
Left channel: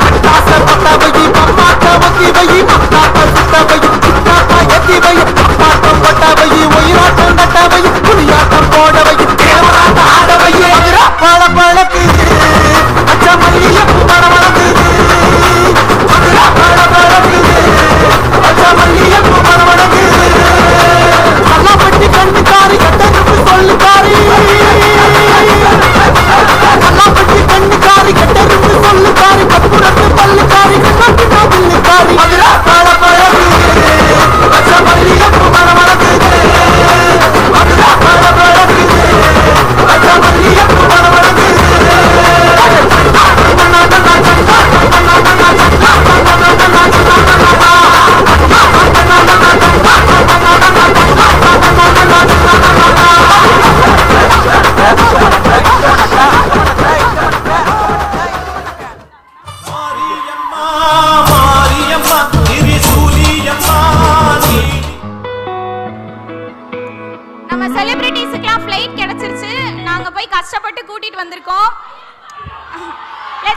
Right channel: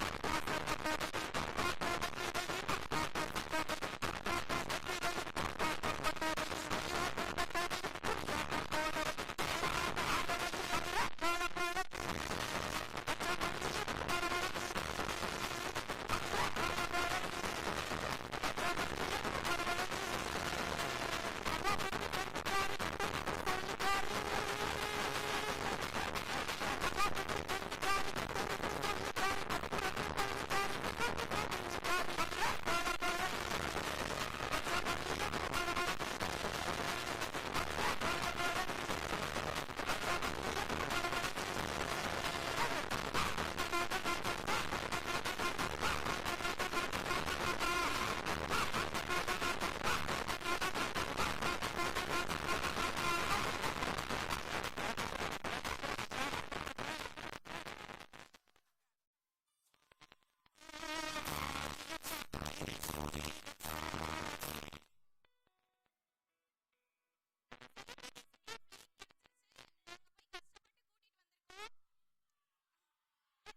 பட்டாச பட்டவை பம்மாட்ட ஒத்தி வை மத்தாட்ட சுத்தவை சுத்தாட்டா எத்தி வை அப்பாட்டம் பட்டவை ஒயிராட்டம் நட்டவை புலியாட்டம் போடவை தேவராட்ட ஆடவை பழ பழக்கு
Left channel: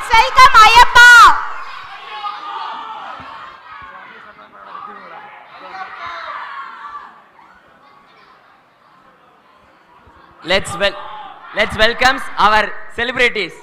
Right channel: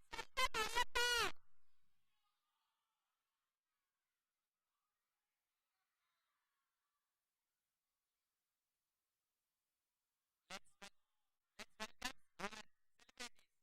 let's welcome Ayyappa. Let's welcome our celebrities.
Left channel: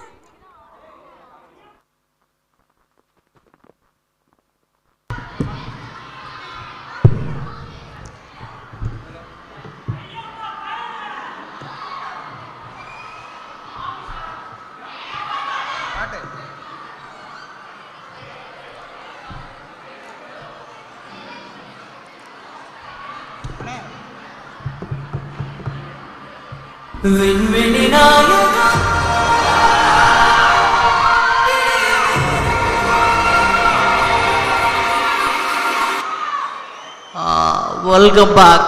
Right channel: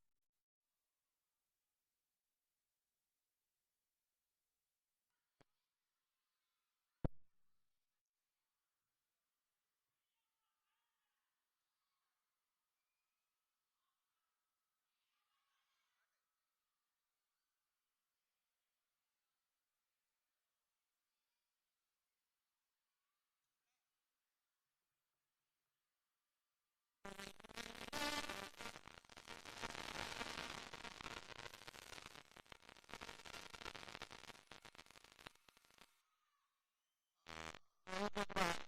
Welcome back.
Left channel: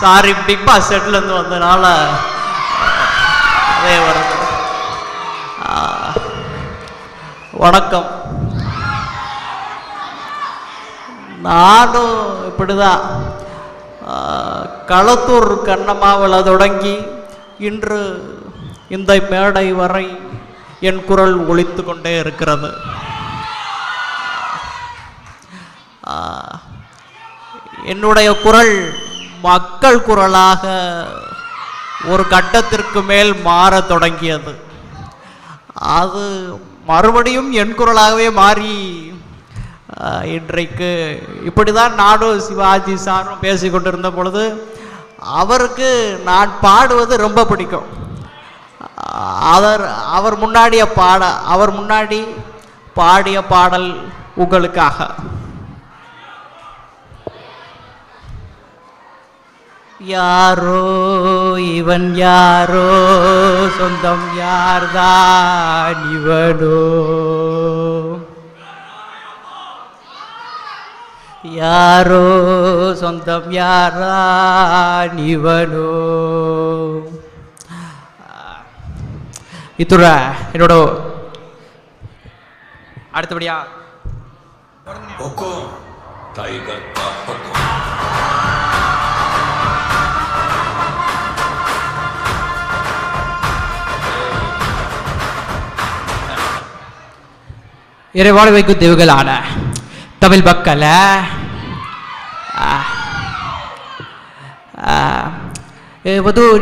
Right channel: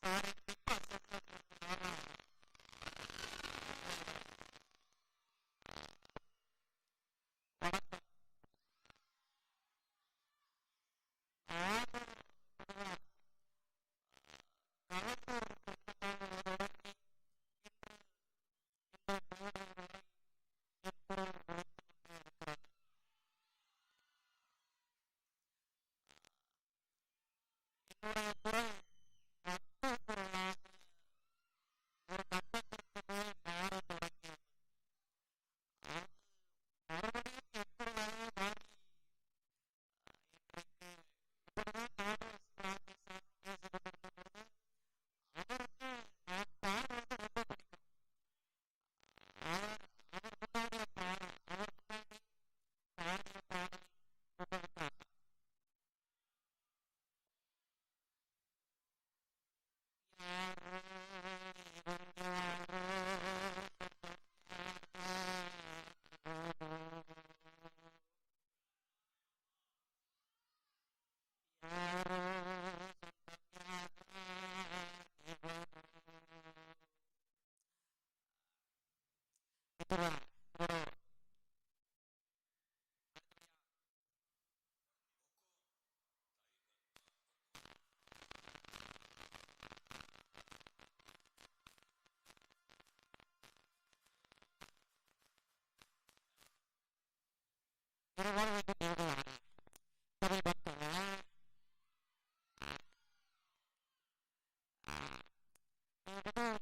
Sorry, Bigg Boss செட்லேருந்து வந்தனால அதே வருது. வணக்கம். நானும் இப்படிதான் களத்தூர் கண்ணம்மாவில் தொடங்கி இன்று இந்த மேடை வரை என் குரல் ஒலித்து கொண்டே இருக்கிறது. என்னுடைய குரல் மக்கள் குரலாக ஒரு கட்டத்திற்கு மேல் மாற தொடங்கியது. அது மறுபடியும் என் குரலாகவே மாறி இன்றைக்கு இப்படி தான் நானும் சிவாஜி சாரும் பேசி கொண்டிருந்த பொழுது அவருக்கு நான் பாடுவது ரொம்ப பிடிக்கும். அவர் முன்னாடி பாடிய பாடல் உங்களுக்காக. யாரோ இவன் யாரோ, சொந்தம் யார்தான் இவனோ, யாரோ சொந்தம் யார்தான் இவனோ. இத்துற என்னோட அடுத்தபடியா இறைவாழ வைக்கும் தெய்வங்களான தமிழ் மக்களை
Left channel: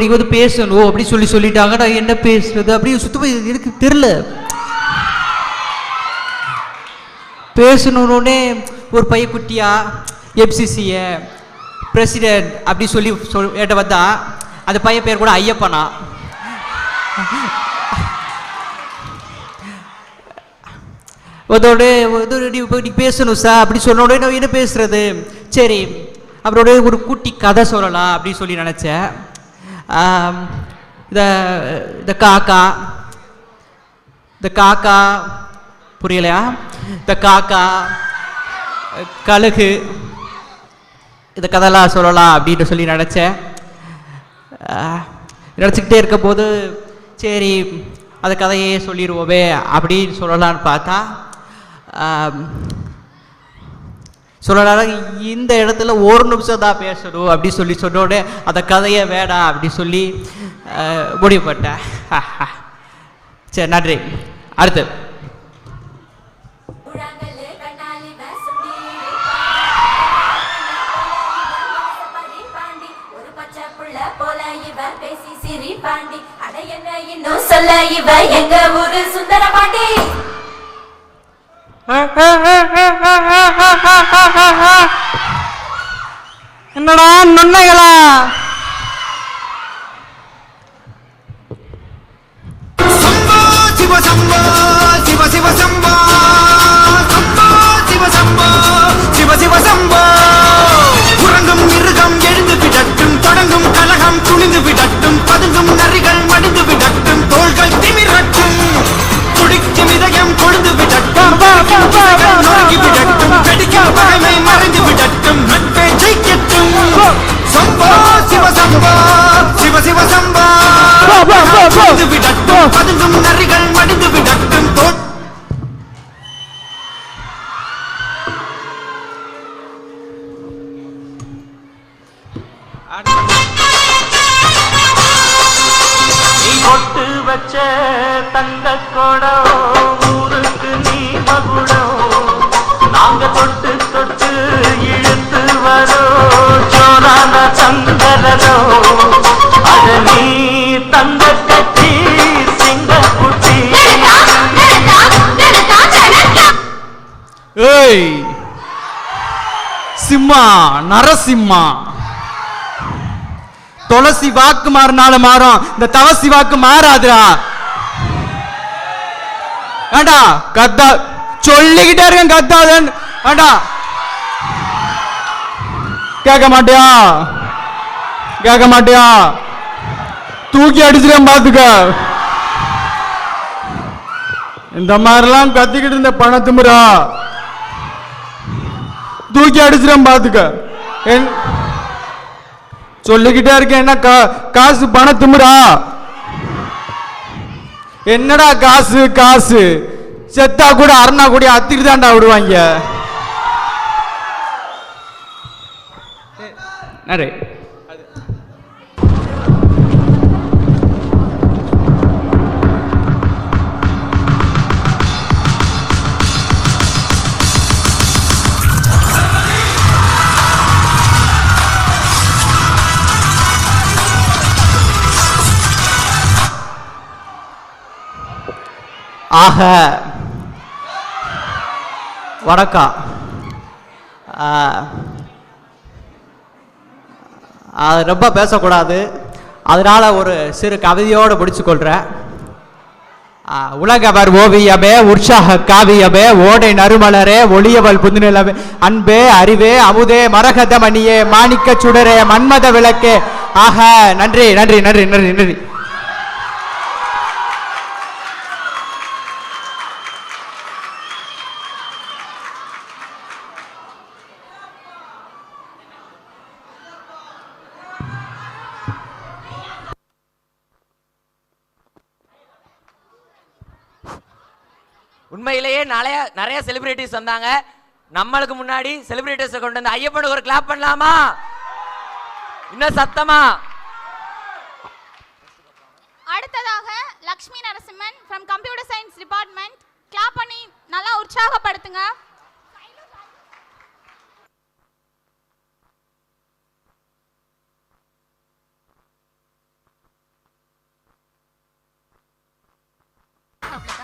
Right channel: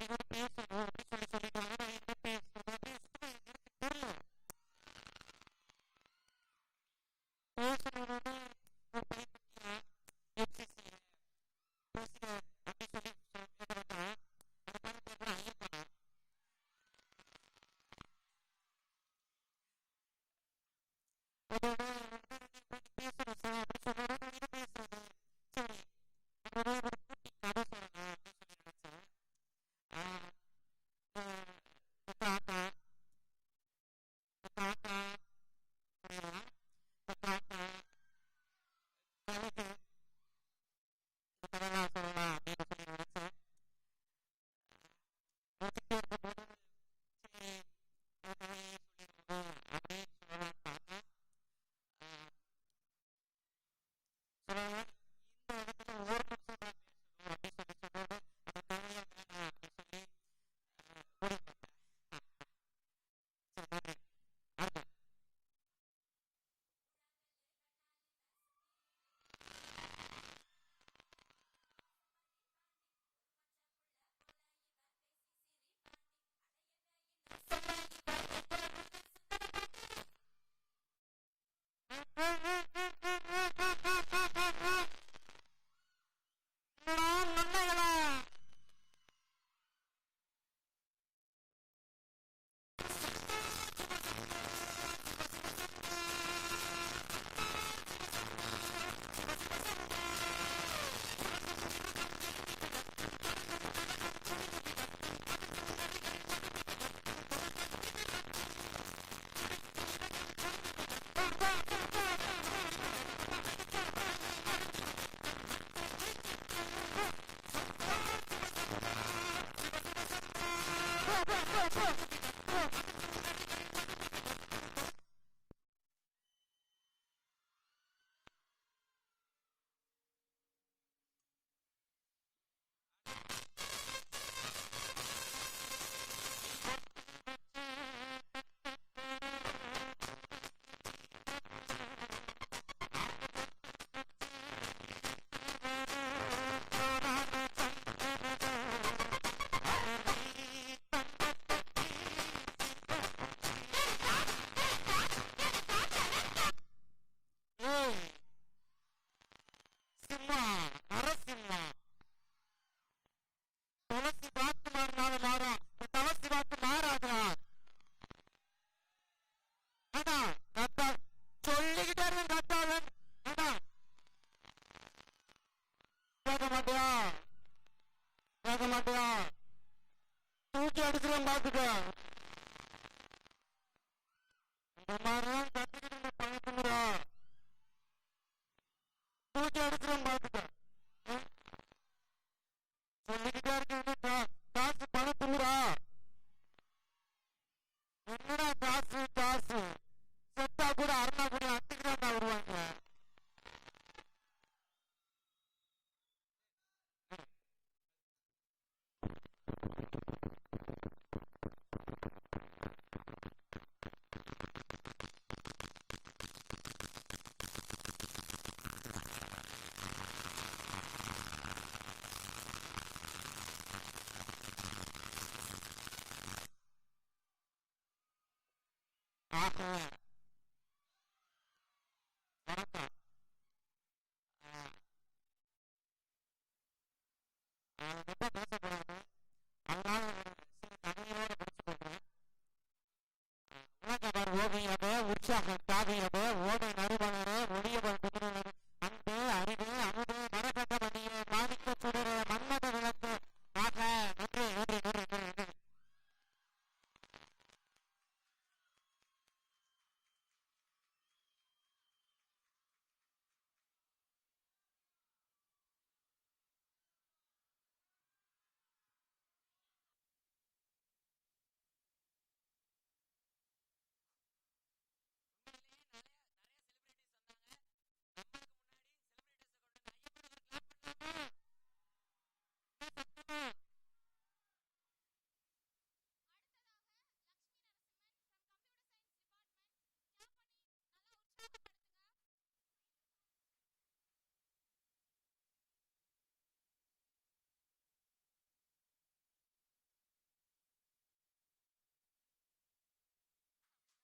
நீங்கள் வந்து பேசணும் அப்படி சொல்லிட்டாங்க. நான் என்ன பேசுறது அப்படி சுத்தமாக எனக்கு தெரில. பேசணுன்னே ஒரு பையக்குட்டியா எம்சிசியை பிரசிடென்ட் அப்படி சொல்லி ஏட்ட வந்தா அந்த பையன் பேர் கூட ஐயப்பனா. அதோட நீ பேசணும் சார் அப்படி சொன்னோட நான் என்ன பேசுறது, சரி அவரோட ஒரு குட்டி கதை சொல்லலாம் அப்படின்னு சொல்லி நினச்சேன். இந்த காக்கா புரியலையா, இந்த காக்கா கழுகு இந்த கதைலாம் சொல்லலாம் அப்படின்னு சொல்லி நினச்சிக்கிட்டே இருக்க போது சரி அந்த கதையே சொல்லிடுவோமே அப்படின்னு சொல்லலான்னு பார்த்தா சொல்லலாம் இந்த இடத்துல ஒரு நிமிஷம் தான் பேசணும் அப்படி சொல்லி சொன்னோடனே அந்த கதையை வேடாம் அப்படி சொல்லி முடிவுப்பட்டேன். சரி நன்றி. அடுத்து சொல்ல இவ எங்க ஊரு சுந்தர பாண்டி. என்னடா நுண்ணைகளா, சம்போ சிவ சம்போ சிவ சிவ சம்போ சம்போ சிவ சம்போ சிவ சிவ சம்போ. உறங்கும் மிருகம் எழுந்து விடட்டும், தொடங்கும் கலகம் துணிந்து விடட்டும், பதுங்கும் நரிகள் மடிந்து விடட்டும், தோள்கள் திமிரட்டும், துடிக்கும் இதயம் கொழுந்து விடட்டும், நொறுங்கி விடட்டும், வெடிக்கும் பகைமை மறைந்து விடட்டும், நட்பே ஜெயிக்கட்டும். சம்போ சிவ சம்போ சிவ சிவ சம்போ விடட்டும், பதுங்கும் நரிகள் மடிந்து விடட்டும். கொட்டு வச்ச தங்க கொடம் ஊருக்கு நீ மகுடம் நாங்க தொட்டு தொட்டு இழுத்து வரோம் ஜோரான சந்தரோ அத நீ தங்க கட்டி சிங்க குட்டி. ஏய் சிம்மா நரசிம்மா துளசி வாக்கு மாறினாலும் மாறும், இந்த தவசி வாக்கு மாறாதுடா. ஏண்டா கத்தா சொல்லிக்கிட்டே இருக்கேன் கத்தாதன். ஏண்டா கேட்க மாட்டியா கேட்க மாட்டியா? தூக்கி அடிச்சிருக்கேன் பாத்துக்க. இந்த மாதிரிலாம் கத்திக்கிட்டு இருந்த பணத்துமுறா தூக்கி அடிச்சிருக்கேன் பாத்துக்க. சொல்லிக்கிட்டே இருக்கேன் என்ன காசு பணத்துமுறா? என்னடா காசு காசு? செத்தா கூட அருணா கூட அத்திட்டு தான்டா விடுவாங்க. ஆக வணக்கம். அது ரொம்ப பேசக்கூடாது, அதனால ஒரு சிறு கவிதையோடு முடிச்சுக்கொள்கிறேன். உலகவர் ஓவியமே உற்சாக காவியமே ஓடை நறுமலரே ஒளியவள் புதுநிலவே அன்பே அறிவே அமுதே மரகத மணியே மாணிக்க சுடரே மன்மத விளக்கே. ஆக நன்றி நன்றி நன்றி நன்றி நன்றி. உண்மையிலேயே நிறைய செலிபிரிட்டிஸ் வந்தாங்க. நம்மளுக்கு முன்னாடி செலிபிரிட்டிஸ் கொண்டு வந்து ஐயப்பனுக்கு ஒரு கிளாப் பண்ணலாமா? இன்னும் சத்தமா. அடுத்ததாக Lakshmi Narasimhan from computer science department clap பண்ணி நல்லா உற்சாகப்படுத்துங்க.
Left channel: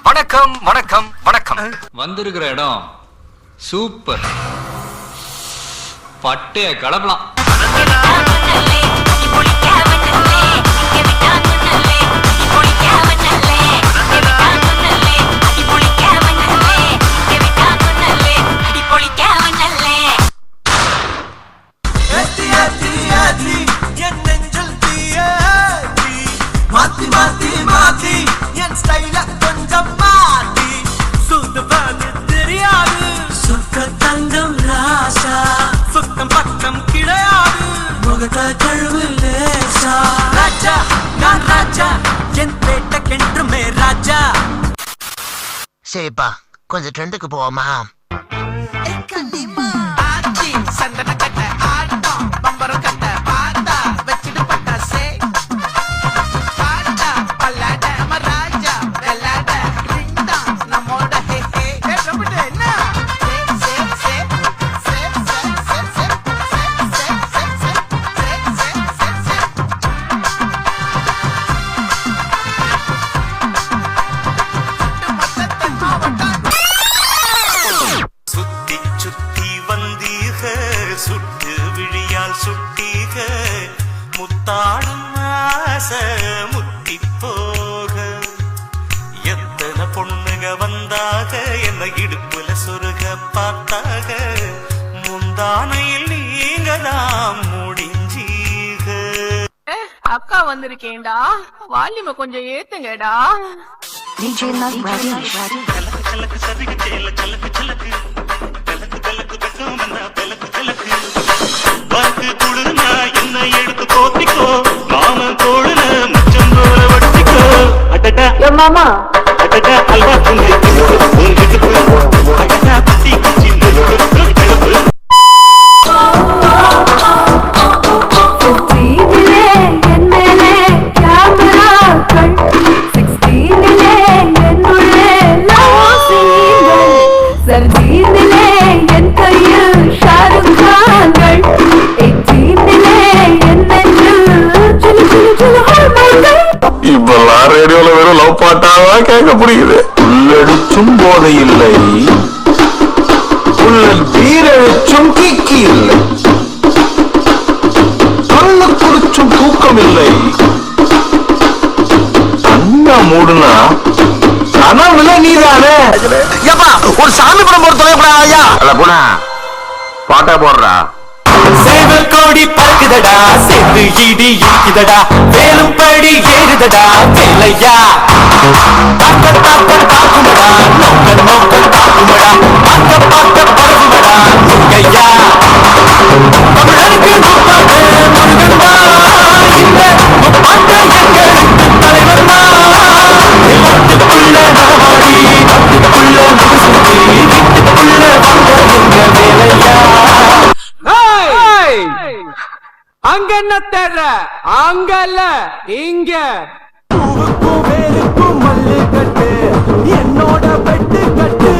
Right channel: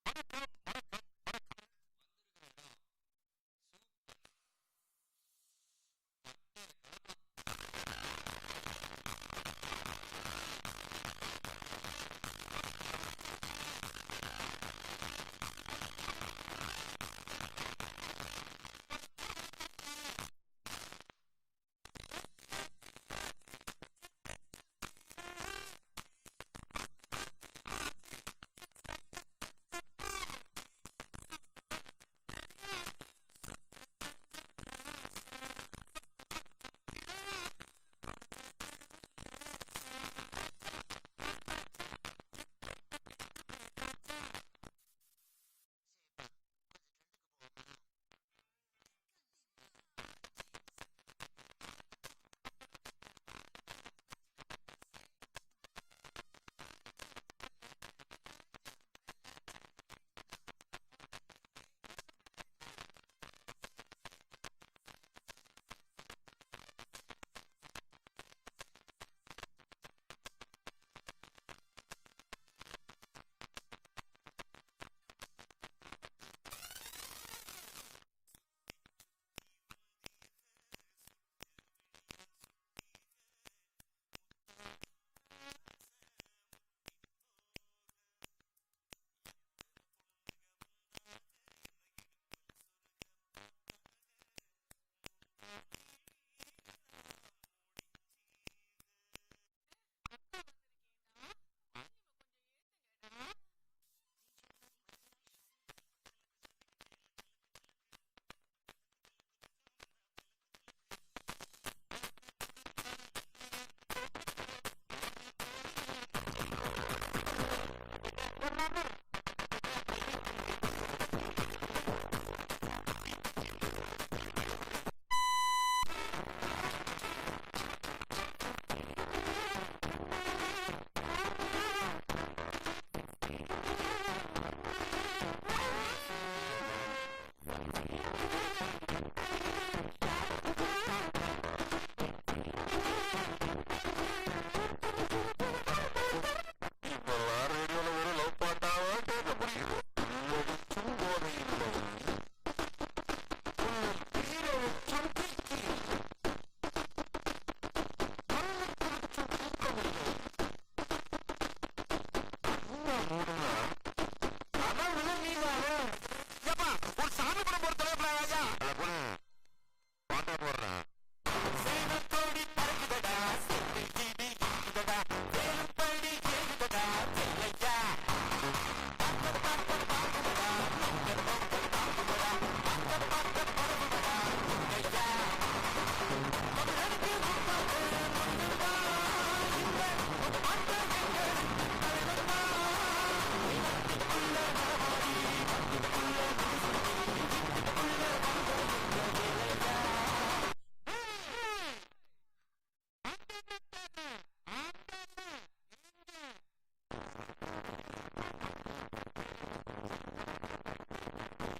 வணக்கம் வணக்கம் வணக்கம். வந்திருக்கிற இடம் சூப்பர், பட்டைய கலப்பலாம். மாத்தி மாத்தி மாத்தி என் ஸ்டைல கொஞ்சம் மாத்தி சுத்தம் தெரியாது சுத்த தங்கம் ராசா சுத்தம் பக்கம் கிடையாது முகத்தை கழுவு லேசா ராஜா நான் ராஜா என் பேட்டக்கென்றுமே ராஜா. சரிப்பா கொஞ்சம் ட்ரெண்டுக்கு போவோமா? சந்தன கட்ட ஆட்டம் பம்பரம் கட்ட பாத்தா வச்சிட்டு பட்டாசே சுத்தி சுத்தி வந்தீக சுட்டு விழியால் சுட்டீக முத்தாடும் ஆசை முத்தி போக எத்தனை பொண்ணுக வந்தாக என்ன இடுப்புல சொருக பார்த்தாக முந்தானையில் நீங்க தான் முடிஞ்சீக. அக்கா வந்திருக்கேன்டா, வால்யூமை கொஞ்சம் ஏத்துங்கடா. கலக்கு சதுக்கு சேல சலக்கு சலக்கு கலக்கு கலக்கு பெட்டும் வந்தா பெலக்கு பெலக்கு வாக்கு குழுனா என்ன எடுத்து போத்திக்கோ மாம தோழுன மச்சம் போல வட்டிக்கோ அடடா மாமா அடடா அல்வா துணி உங்கிட்டு அடடா பத்தி குச்சி என் மேலே கேமரா கண் 60 இப்பெல்லாம் ரேடியோல வெறும் லவ் பாட்டாதான் கேட்க புரியுது. உள்ளடிச்சும் போதை இல்லை, உள்ளல் பீரழிச்சும் கிக்கி இல்லை, கண்ணு குறிச்சும் தூக்கம் இல்லை. கண்ணா மூடுனா கனவுல நீதானே. ஏப்பா ஒரு சாமி படம் போட தொலைப்படா ஐயா. அல்ல போனா பாட்டா போடுறா. சேவல் கோடி பறக்குதடா, சேர்ந்து இடி இருக்குதடா, வேலும் படி ஏறுதடா வேலையா. தாக்க தாக்க தாக்குமடா, நோக்க நோக்க தாக்குமடா, பார்க்க பார்க்க பறக்குமடா முருகையா. தமிழருக்கு முப்பாட்டு முருகன்மா, இந்த முப்பாட்டு எங்களுக்கு தலைவர்மா. வீட்டுக்குள்ள நாடி, வீட்டுக்குள்ள முசுத்தி, வீட்டுக்குள்ள வந்த எங்க வேலையா. அங்க என்ன தேடுற? அங்கல்ல இங்க. என்னோட வெட்டு கட்டு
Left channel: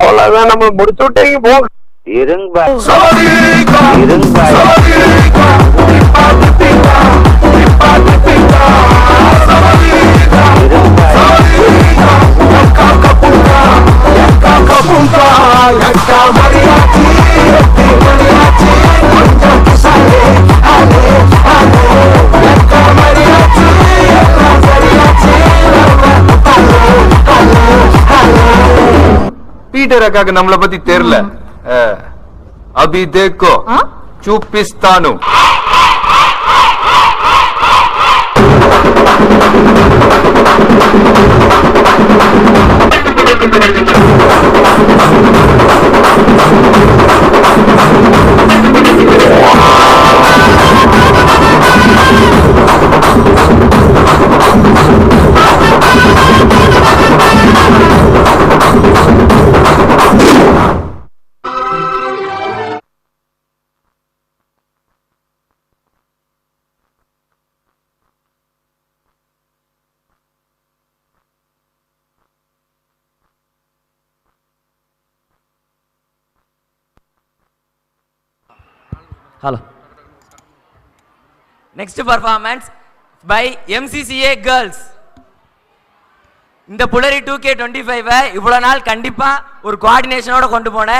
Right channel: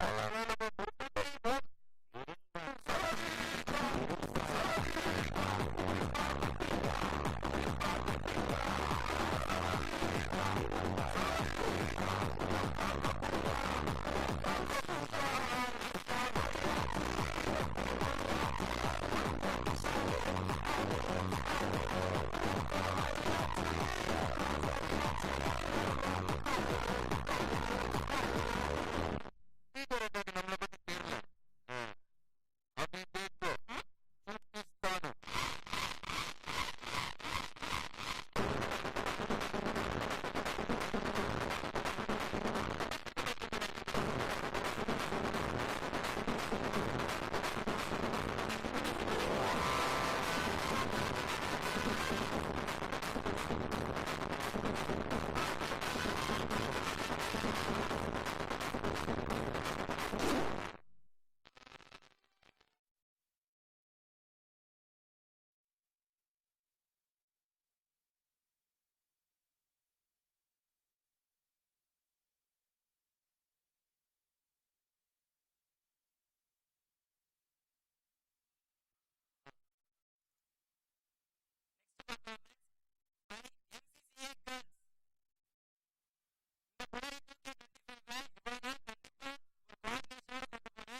அவ்வளவுதான், நம்ம முடிச்சு விட்டீங்க போ. இருங்க பீட்டர் அக்காக்கு நம்மளை பத்தி தெரியல. அபி தேக்கோ చూపిస్తాను. Hello. Next performance by MCCA girls. இந்த புலரி 2K25 இவ்வளவு நாள் கண்டிப்பா ஒரு கோஆர்டினேஷனோட கொண்டு போன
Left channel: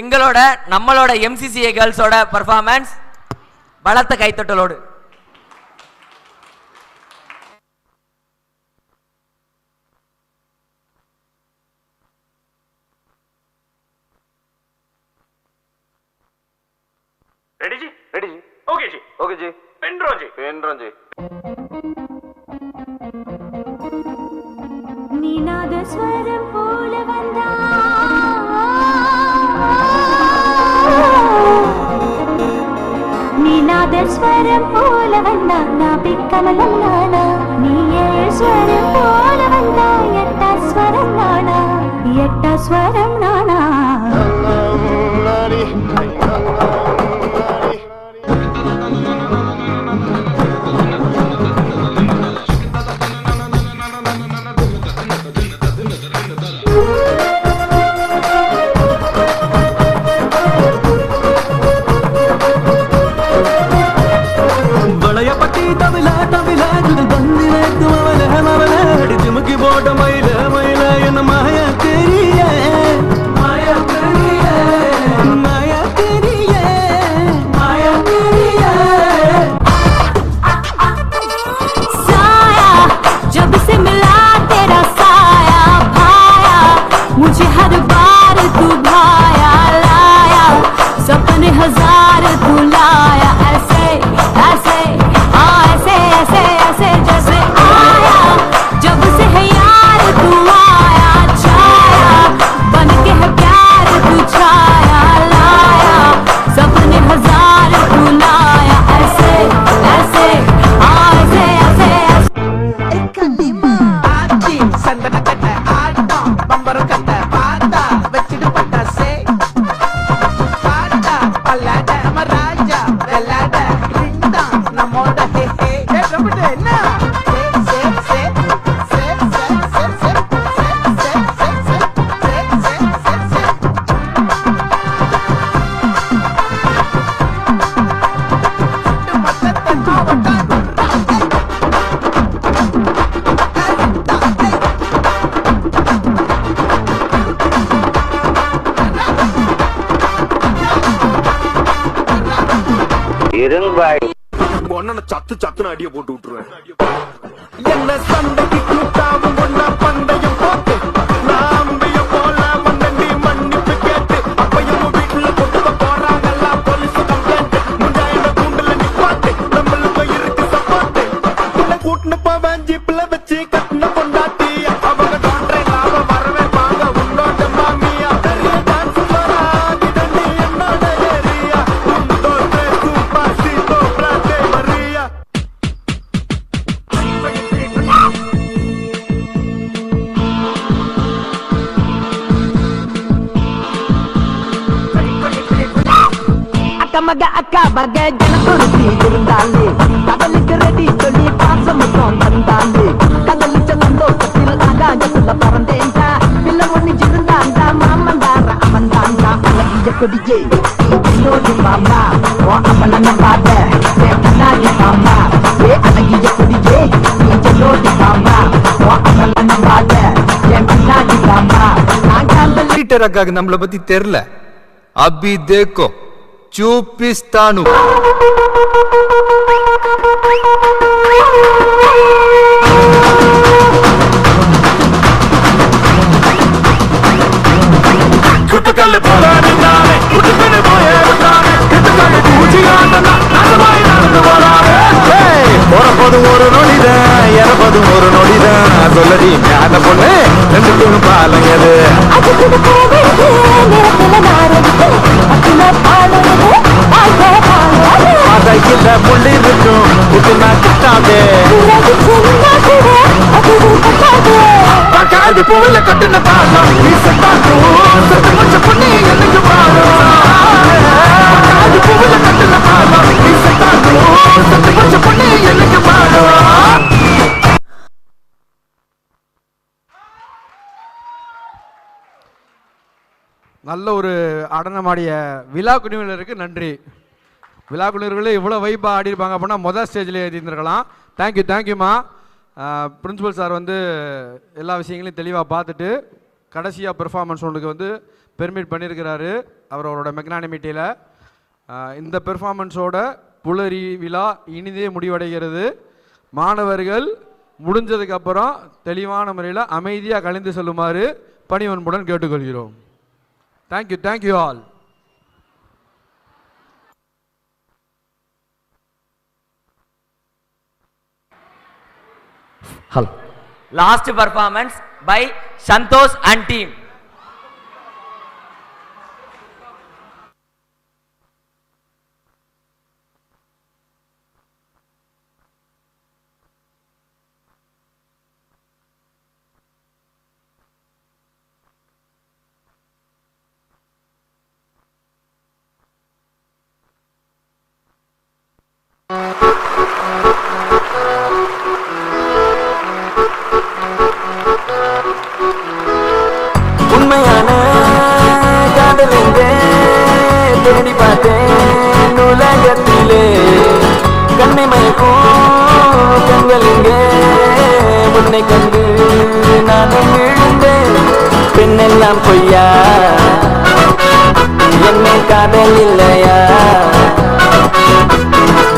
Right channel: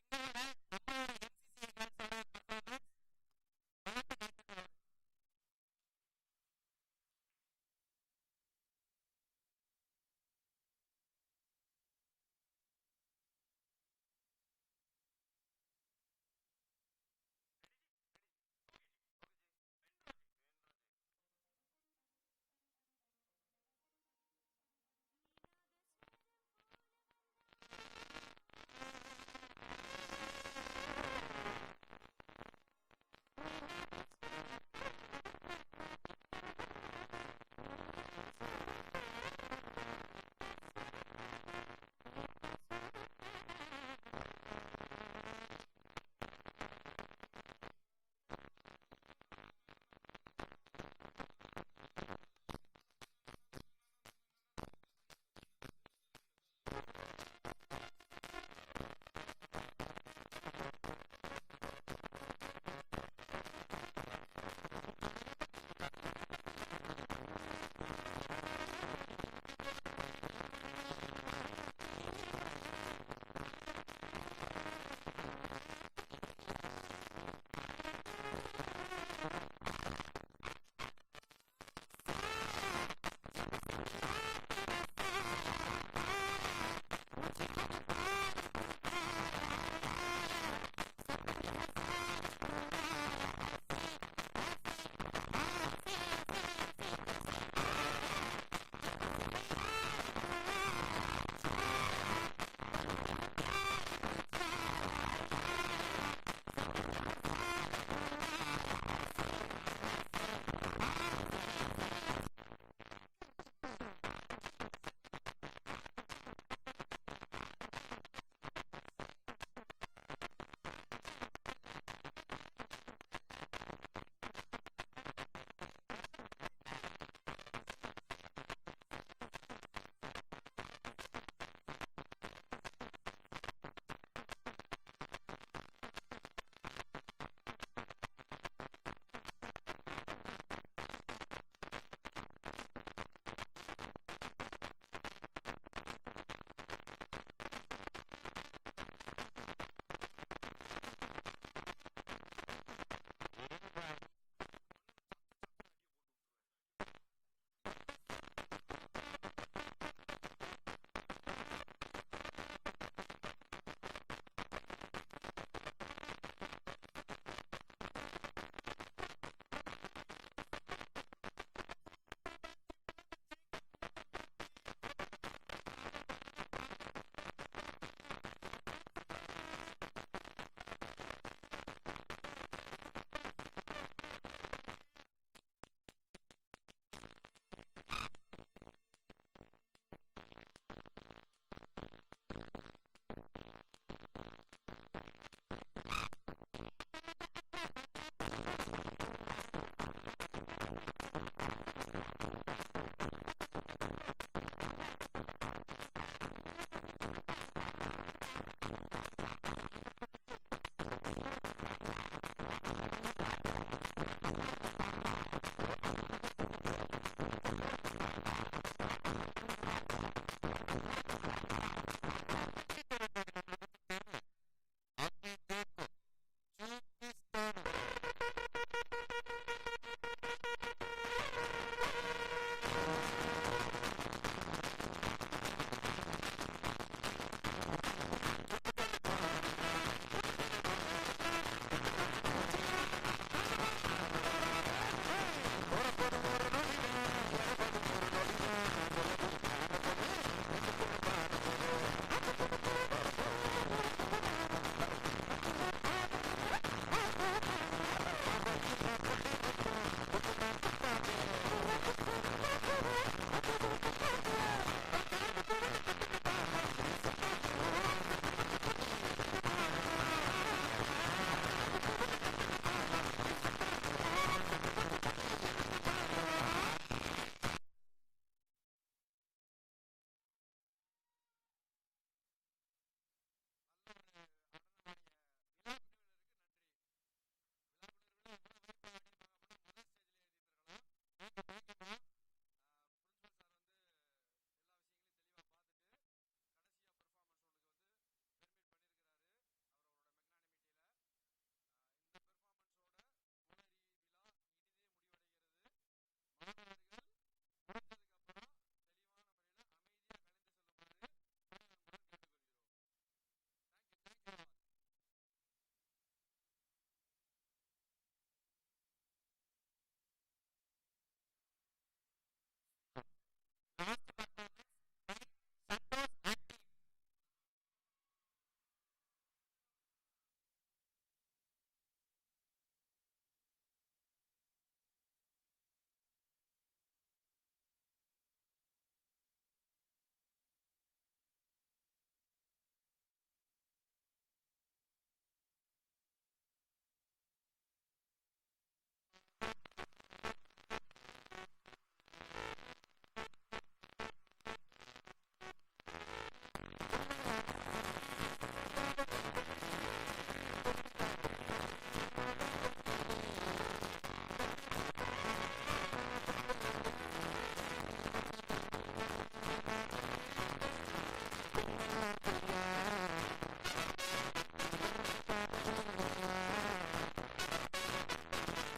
எங்களோட நம்மளோட MCCA girlsோட பெர்ஃபார்மன்ஸ் பலத்த கைத்தட்டலோடு. रेडी जी? रेडी जी? ओके जी, ओके जी. पेन ड्रो जी. நீநாத ஸ்வரம் போல வந்தா, நீநாத ஸ்வரம் போல வந்தா, நாபி கமலம் நானா. நீயே ஸ்வரம் போல வந்தா, எட்ட ஸ்வரம் நானா, எட்ட ஸ்வரம் நானா. போட்ட மயில மயில என்ன மாயா தெரிய மாயா உங்க அண்ணனை சத்து சத்துன்னு அடிய போட்டு விட்டுருவேன். என்ன சண்டைக்கு கூட்டாவும் ஒன்னா பந்தயம் போட்டு நாம்பிய போல மண்ணண்டி மன்னிப்பு கேட்டு அப்பையும் வீட்டுல கொண்டு போறாங்கல்ல போலீஸ் கம்ப்ளைண்ட் முண்டாயின கூண்டுல நிப்பாட்டு நம்மளுக்கு இருக்கு சப்பாட்டு உன்னை கூட்டுன்னு போவேன் ஜீப்ல வச்சு கட்டின பொண்டாட்டி அவங்க டாக்டரை லாபம் வரவே வாங்க உன்னோட மாமியா பெரிய டான்ஸ் வராதி தண்ணி என்னோட ஏரியா உண்டோ சூப்பா சீட்டோ பிராட்டே மரியா அக்கமக அக்கா பக ஜனத்தொருத்தி இருந்தாலே கடலுக்கு ரெடி சொல்லி பாசமுத்தம் தந்தாலே கடலுச்ச சந்தோஷத்தில் ஆகாயத்துல பறந்தேன்டா பிள்ளை ஒண்ணு இருந்தாண்டா மாமந்தார அவன்தாண்டா அழகிய கொடியே என்னோடு மாமா ஓ அவன பாத கண்ணாடி மாமா ஏ அழகிய கொடியே என்னோடு மாமா ஓ அவன பாத கண்ணாடி மாமா பீட்டர் அக்காக்கு நம்மளை பத்தி தெரியல. அபி தேக்கோ చూపిస్తాను. குட்டுக்கல்லு போல நின்னானே குட்டுக்கல்லு போயே விட்டானே குட்டுக்கல்லு பூச்சியாண்டா நகமாய் நடந்து போறானே. போறப்போதும் ஒரு நொடிதான் இறப்பதும் ஒரு நொடிதான் சொல்லடி ஞான பொண்ணு ரெண்டுக்கும் பாலம் எது அதையில முள்ளி இருக்கும் புட்டுனா கிட்டாதே காது பூவில கட்டுன பாலம் கொஞ்சம் பொண்ணு எனக்கு பாலம் காது பூவில கட்டுன பாலம் கொஞ்சம் பொண்ணு எனக்கு பாலம். நல்ல ஒரு அடனமாடிய விழா குழுவினருக்கு நன்றி. விழா குழுவினர்களே இவ்வளோ வைப்பாக ஆடிருப்பாங்க அப்படின்னா மொதல் ஸ்டேஜில் எழுதியிருந்திருக்கலாம். தேங்க்யூம்மா. பிரின்சிபல் சார் வந்து எல்லா விஷயங்களையும் தெளிவாக பார்த்துட்டு கடைசியாக பெர்ஃபார்மன்ஸ் ஒன்றுக்கு வந்து பெர்மிட் பண்ணியிருக்கிறாரு அவரோட மெக்னானிமிட்டியில். இந்த பெர்ஃபார்மன்ஸோட புலரி விழா இனிதே முடிவடைகிறது. மாணவர்கள் முடிஞ்சதுக்கப்புறம் தெளிவான முறையில் அமைதியாக கலந்து செல்லுமாறு பணிவன்புடன் கேட்டுக்கொள்கிறோம். Thank you all. Hello. Last performance by Santosh and team. உண்மையான காதல் எங்கே தேடி பார்த்தேன் உலகத்திலே கண்ணை மயக்கும் கண்கள் எங்கே உன்னை கண்டு நானும் விழுந்தேன். பெண்ணெல்லாம் பொய்யா என்னை காதல் இல்லையா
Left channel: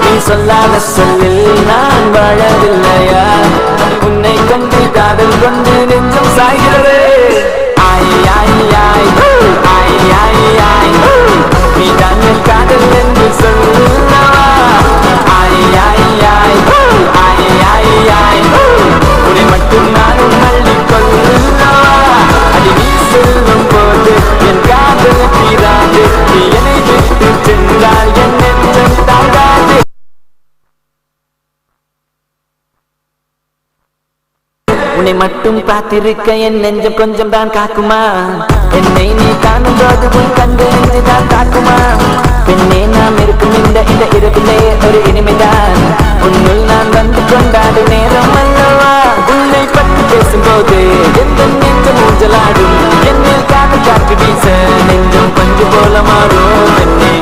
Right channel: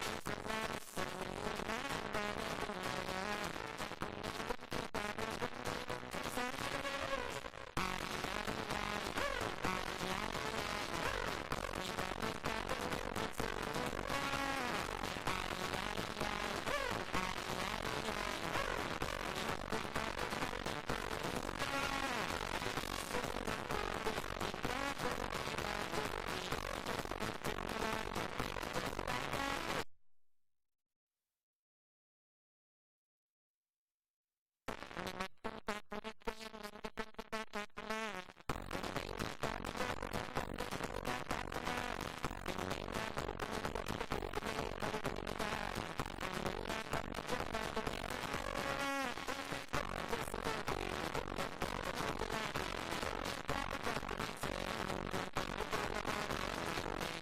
நீ சொல்லாத சொல்லில் நான் வாழவில்லையா உன்னை கண்டு காதல் கொண்டு நெஞ்சம் சாய்கிறது. நீ தான் காதல் என்று சொல்லவா உன்னை மட்டும் நானும் அள்ளிக்கொள்ளவா அடி நீ செல்லும் போது என் காதல் தீராது நீ என்னை விட்டு சென்றால் என் நெஞ்சம் தாங்காது. உன்னை மட்டும் பார்த்திருக்க என் நெஞ்சம் கொஞ்சம் தான் காக்குமா என்னை நீ காணும் போது உன் கண்டு தான் காக்குமா பெண்ணே நாம் இருக்கும் இந்த இரவிலே ஒரு இனிமைதான் உன்னுள் நான் வந்து கொண்டாடும் நேரம் அல்லவா உன்னை பற்றி பேசும்போது எந்த நெஞ்சம் ஊஞ்சலாடும் என்னில் காதல் காற்று வீச நெஞ்சம் பஞ்சு போல மாறும் என்னை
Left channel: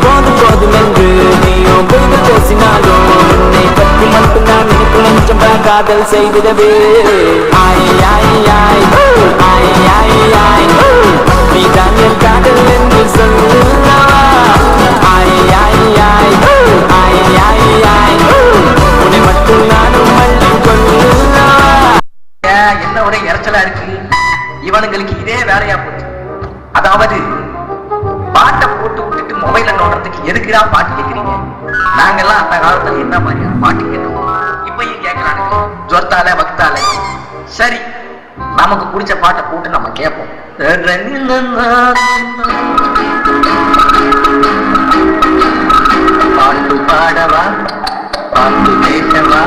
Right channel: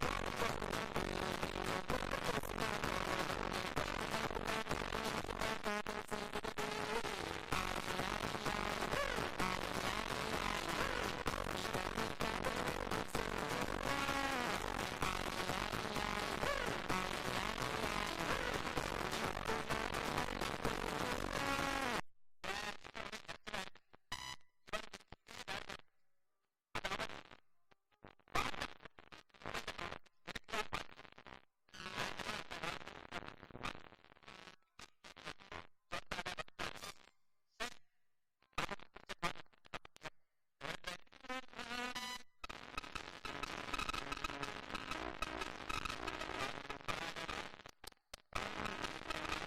போதும் என்று நீயும் பொய்கள் பேசினாலும் உன்னை பற்றி மட்டும் நான் நினைக்கும் நெஞ்சம் காதல் செய்திடவே நீ தான் என் காதல் என்று சொல்லவா காலத்துல என்ன மாதிரியான பாட்டு கேட்டோம் இப்பயும் கேட்கறானுங்க ஜொத்தால வக்தால. சரி, நமக்கு பிடிச்ச பாட்டை போட்டு நம்ம கேட்போம். பாட்டு பாடவா, பாட்டு பேசவா,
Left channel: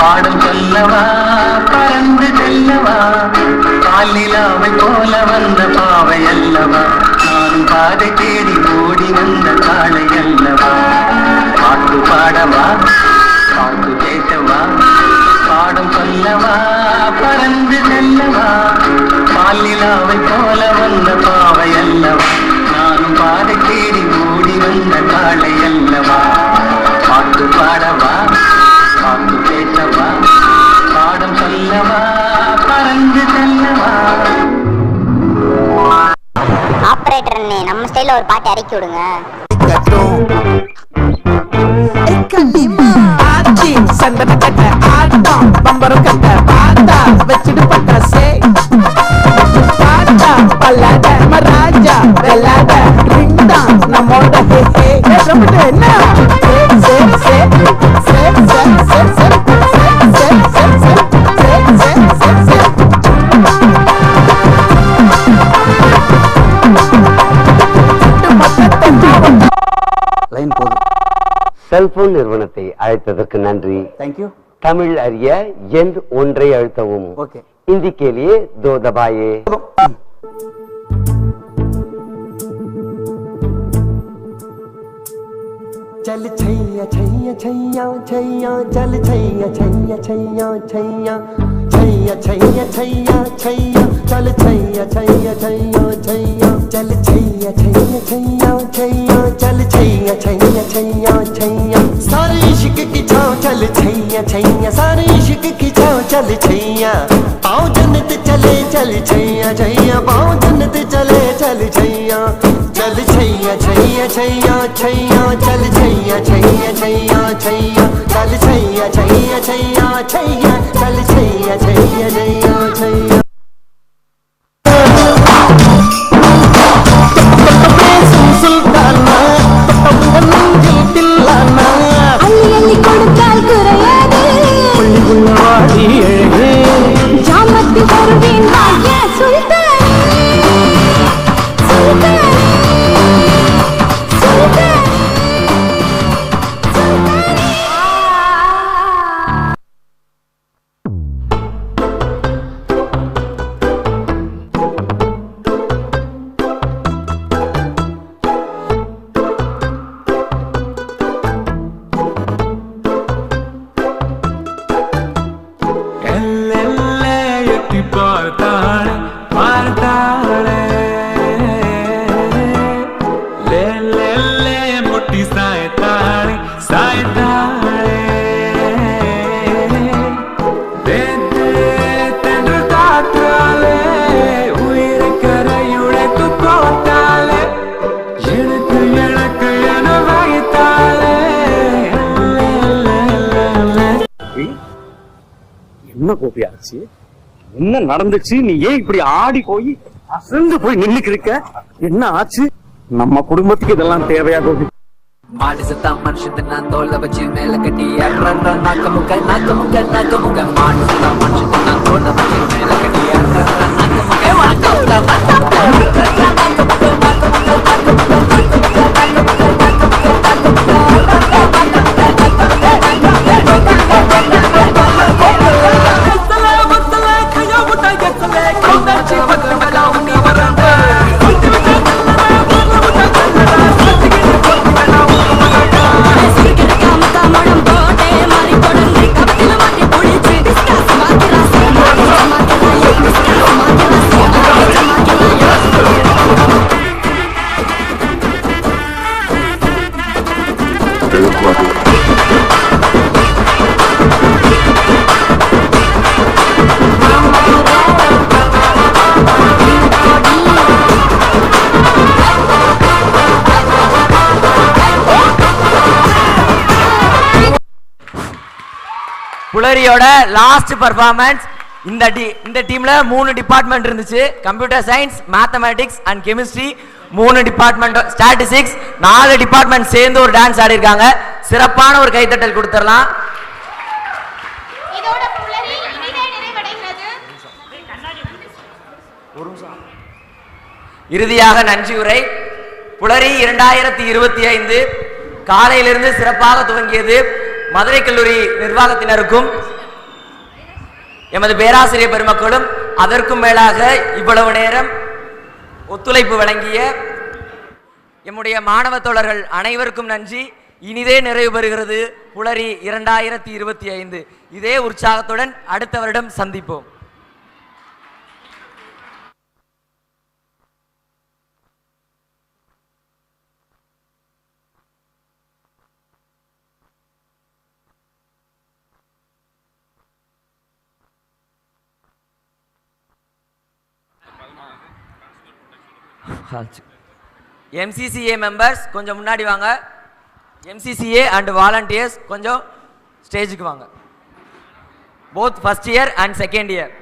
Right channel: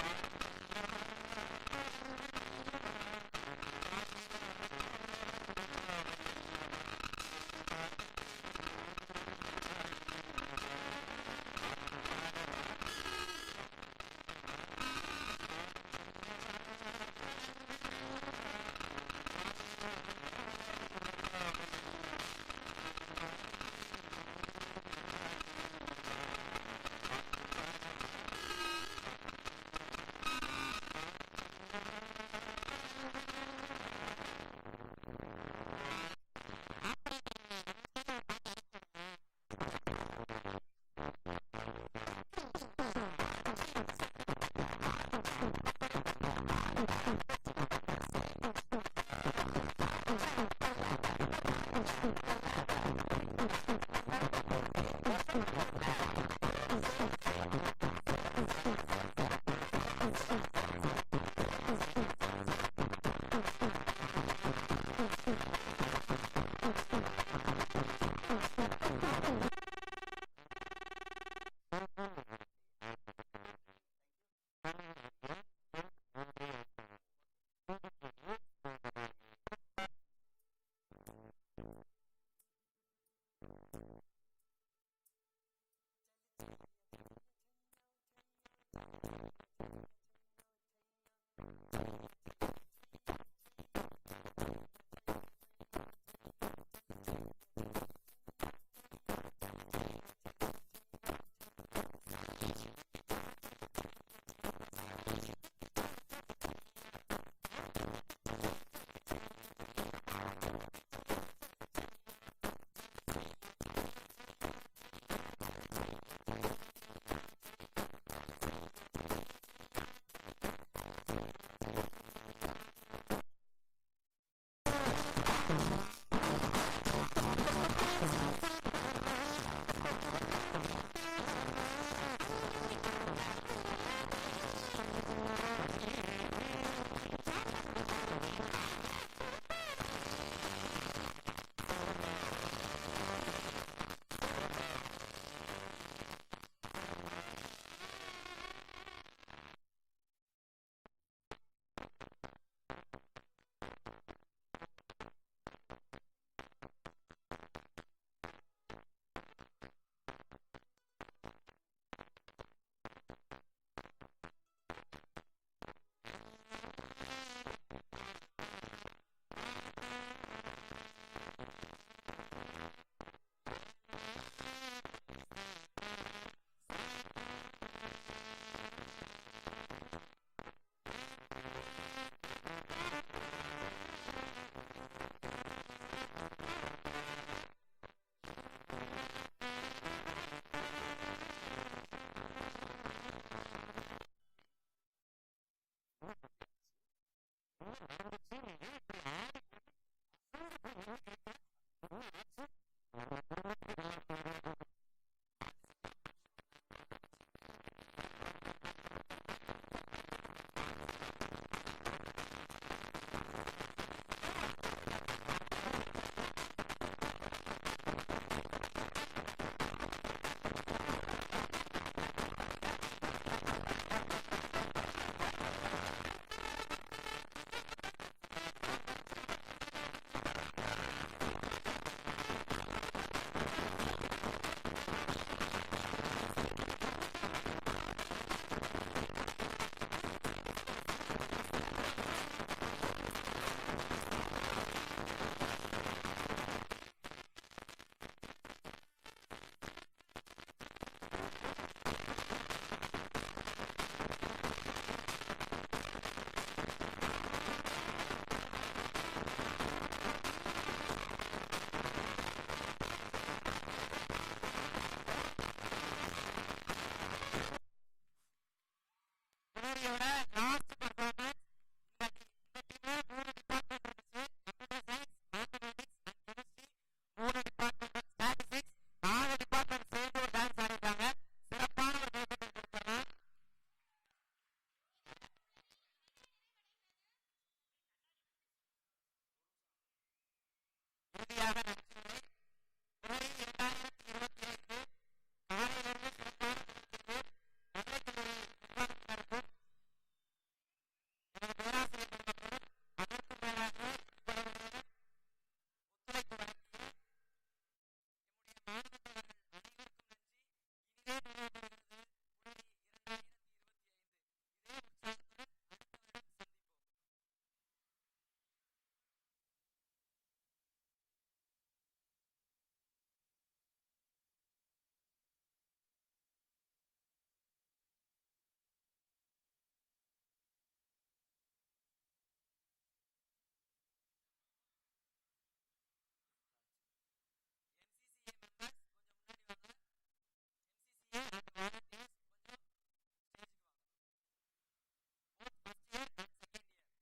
பாடும் சொல்லவா, பறந்து செல்லவா, பாலிலாவை போல வந்த பாவை அல்லவா, நானும் பாதை தேடி ஓடி வந்த காளை அல்லவா. பாட்டு பாடவா, பாட்டு பேசவா, பாடும் சொல்லவா, பறந்து செல்லவா, பாலிலாவை போல வந்த பாவை அல்லவா, நானும் பாதை தேடி ஓடி வந்த காளை அல்லவா. பாட்டு பாடவா, பாட்டு பேசவா, பாடம் சொல்லவா, பறந்து செல்லவா. ஆபரேட்டர் அண்ணே, நம்ம ஸ்டைல்ல ஒரு பாட்டு இறக்கி விடுங்க. சந்தன கட்ட ஆட்டம் பம்பரம் கட்ட பாத்தா வச்சிடு பட்டாசே பாத்தா பல்லாட மராஜா வெள்ளாட ரிங் தான் நம்மோட ஹே ஹே ரொம்ப என்ன சே சே சே சே சே சே சே சே சே சே லைன் போதும். செல்போன் நிறுவனத்தை அழைத்ததற்கு நன்றி. தேங்க்யூ. தமிழ் அறிய எண் ஒன்றை அழுத்தவும். ஓகே. हिंदी के लिए 2 दबाइए. चल छैया छैया छैया छैया चल छैया छैया छैया छैया छैया छैया छैया छैया चल छैया छैया छैया छैया चल छैया छैया छैया छैया चल छैया छैया छैया छैया सारे इश्क की छाँव चल छैया छैया सारे इश्क की छाँव चल छैया पाँव जन्नत चले चल छैया छैया पाँव जन्नत चले चल छैया चल छैया छैया छैया छैया चल छैया छैया छैया छैया चल छैया छैया छैया छैया चल छैया छैया छैया छैया என்ன கோபியாச்சு, என்ன நடந்துச்சு? நீ ஏன் இப்படி ஆடி போய் அசந்து போய் நின்னுக்கு இருக்க? என்ன ஆச்சு? நம்ம குடும்பத்துக்கு இதெல்லாம் தேவையா கோபி? மாடு சத்தா மனுஷன் நான் தோல்ல வச்சு மேல கட்டி நாக்க முக்க நாக்க முக்க நாக்க முக்க மாடு சத்தா மனுஷன் நான் தோல்ல வச்சு மேல கட்டி நாக்க முக்க நாக்க புலரியோட லாஸ்ட் பர்ஃபார்மன்ஸ். இந்த டீம்ல 3 டிபார்ட்மெண்ட் இருந்துச்சு. Computer science, mathematics and chemistry 3 department, statistics 4 department சேர்ந்து ஒரு டான்ஸ் ஆடி இருக்காங்க. சிறப்பான ஒரு கைத்தட்டல் கொடுத்துடலாம். இதோட புலரி இனிதே நிறைவடைகிறது. இறுதியாக நன்றியுரை. புலரி 2025 காலையிலிருந்து சிறப்பாக துவங்கியது. மதுரை கல்லூரி நிர்வாகத்தினருக்கும் எமது பேராசிரியர் பெருமக்களும் அதற்கும் மேலாக இவ்வளவு நேரம் ஒத்துழைப்பு வழங்கிய எம்முடைய மாணவ தோழர்கள் அனைவருக்கும் நன்றி. இனிதே நிறைவு பெறுகிறது புலரி 2025. இதே உற்சாகத்துடன் அடுத்த வருடம் சந்திப்போம். MCCA மெம்பர்ஸ் கொஞ்சம் முன்னாடி வாங்க. MCCA அண்ட் வாலண்டியர்ஸ் கொஞ்சம் ஸ்டேஜுக்கு வாங்க. Both first year and second year.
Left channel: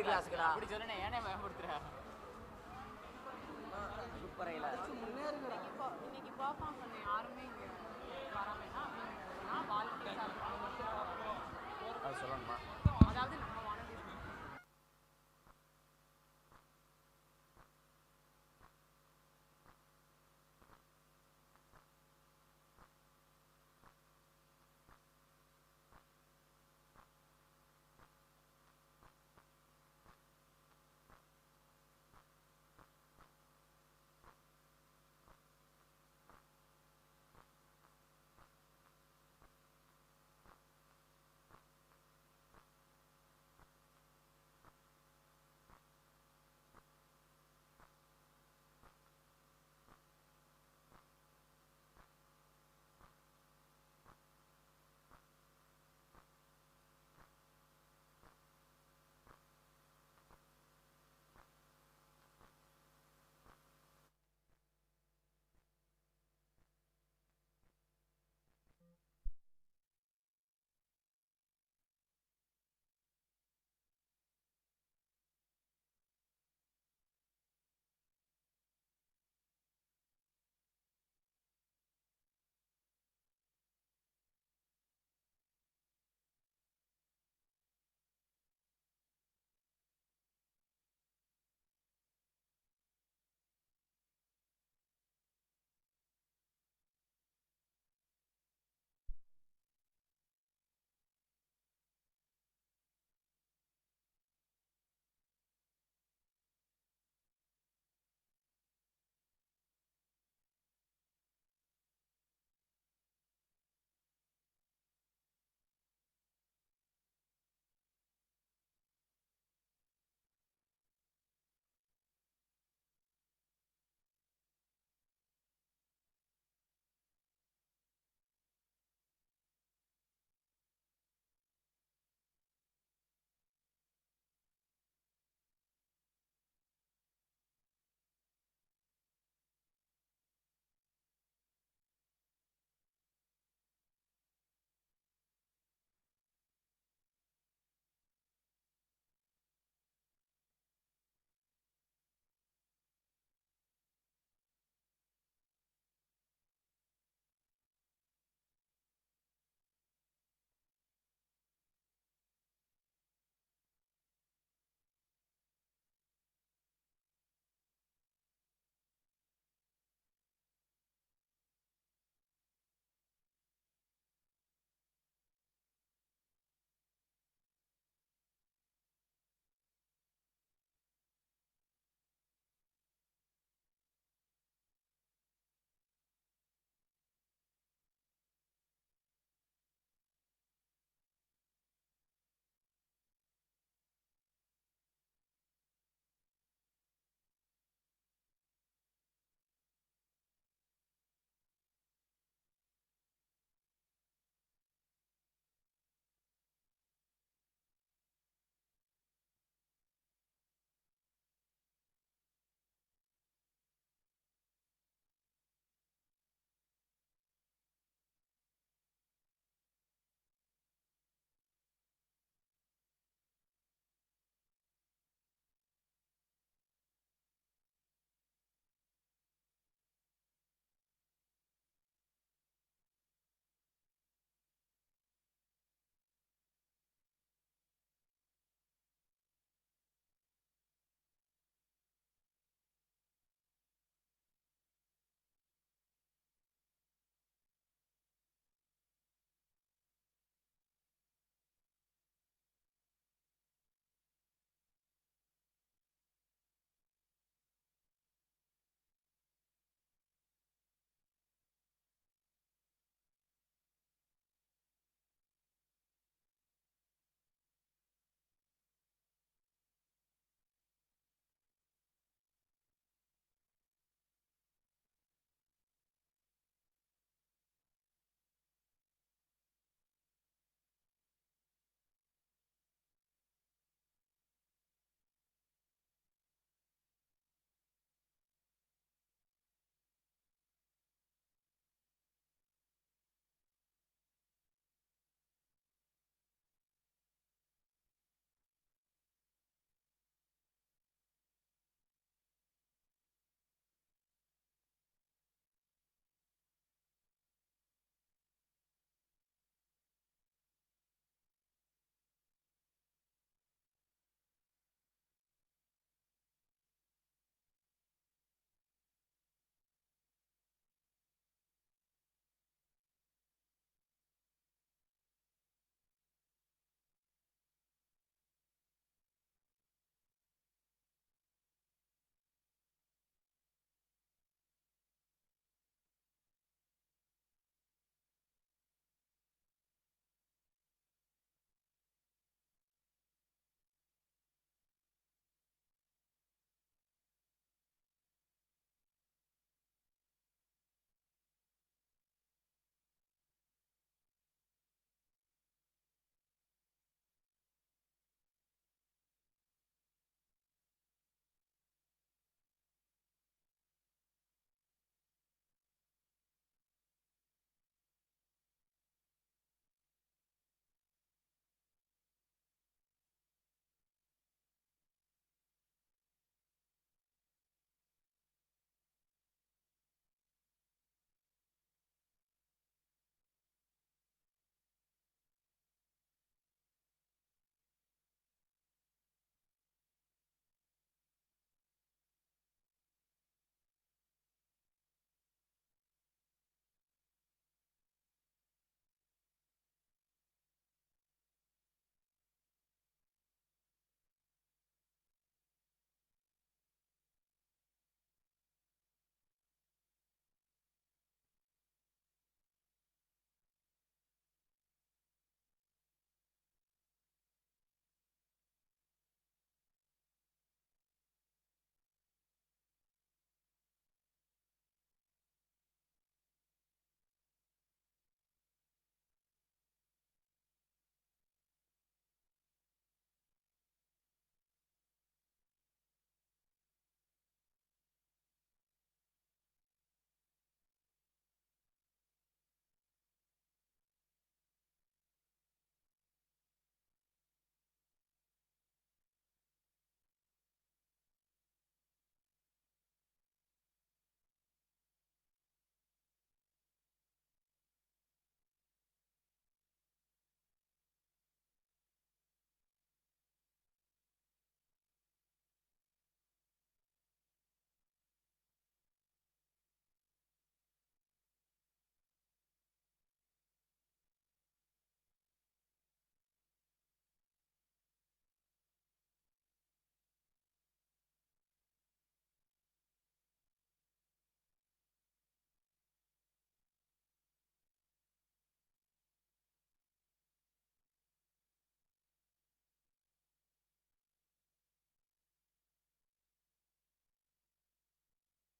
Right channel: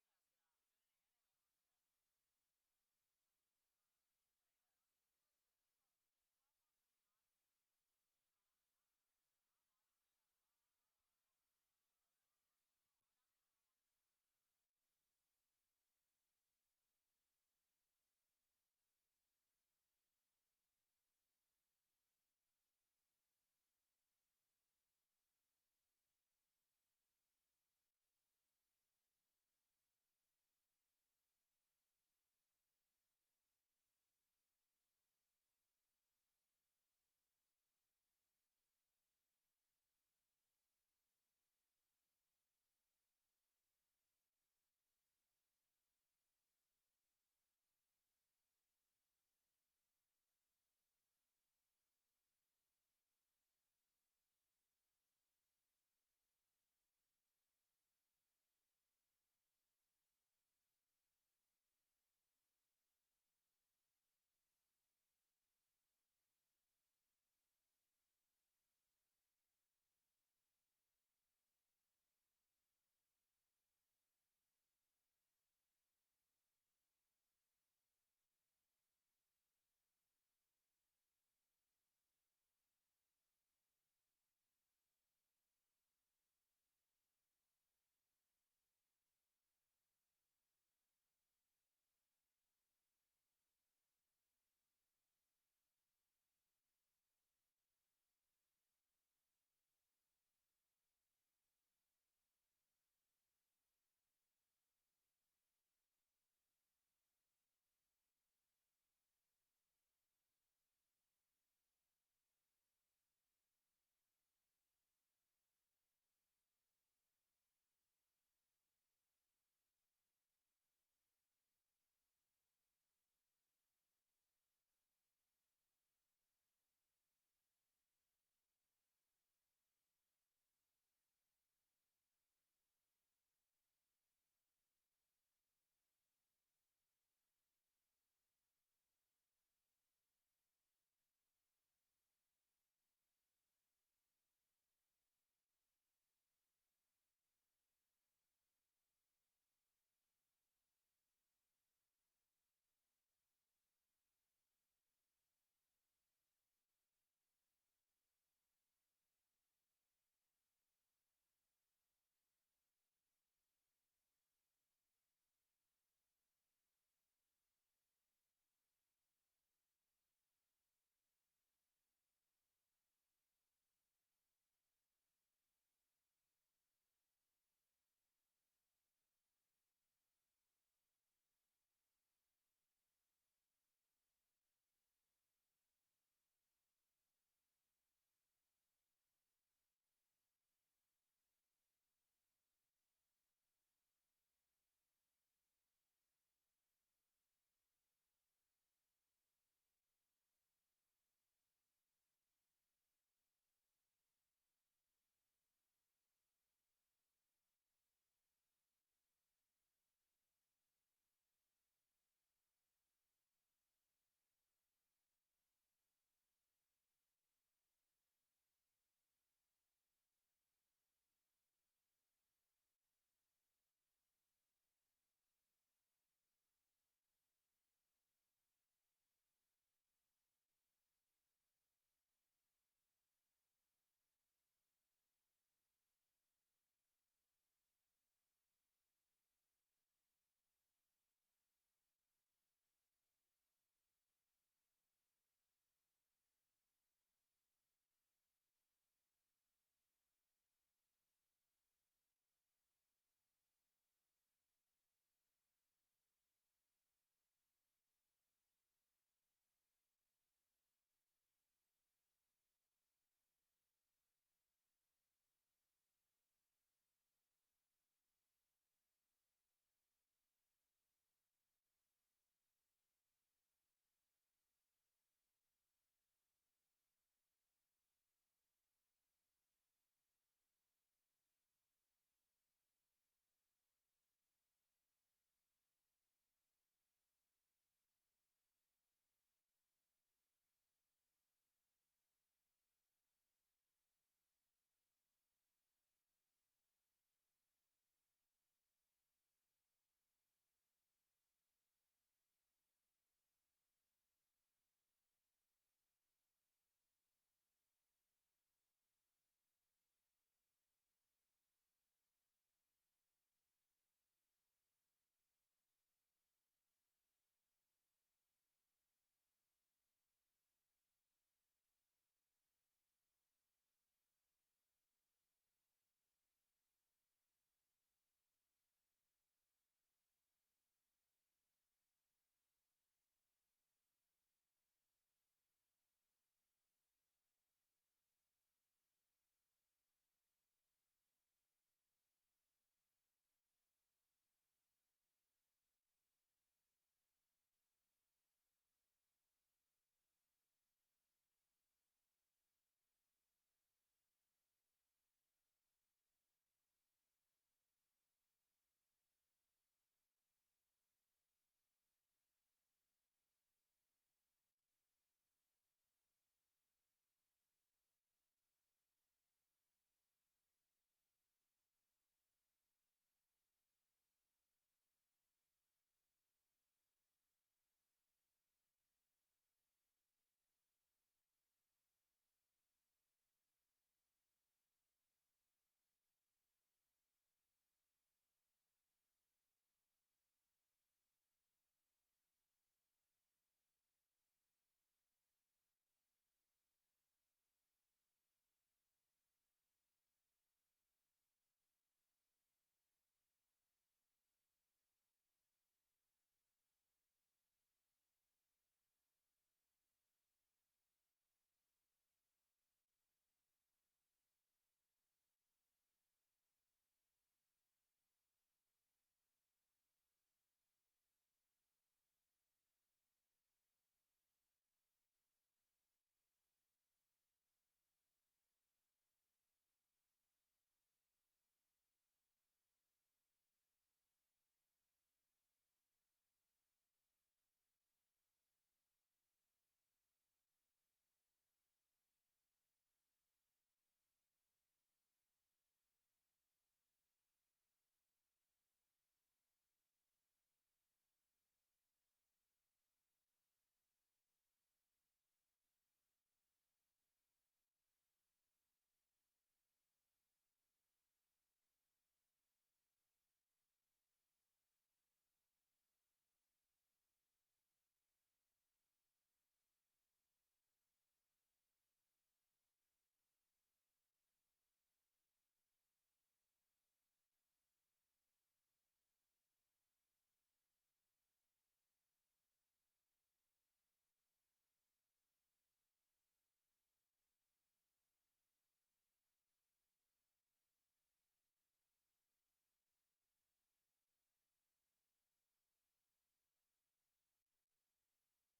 கிளாஸ்க்குடா அப்படி சொன்னேனே ஏனே பயமுறுத்துற சூப்பரா இல்ல இன்னைக்கு பெர்ஃபார்ம் பண்ண யாருமே இங்க வராமேனா நான் வாலண்டியர்ஸா இருப்பாங்க அது சொல்லணுமா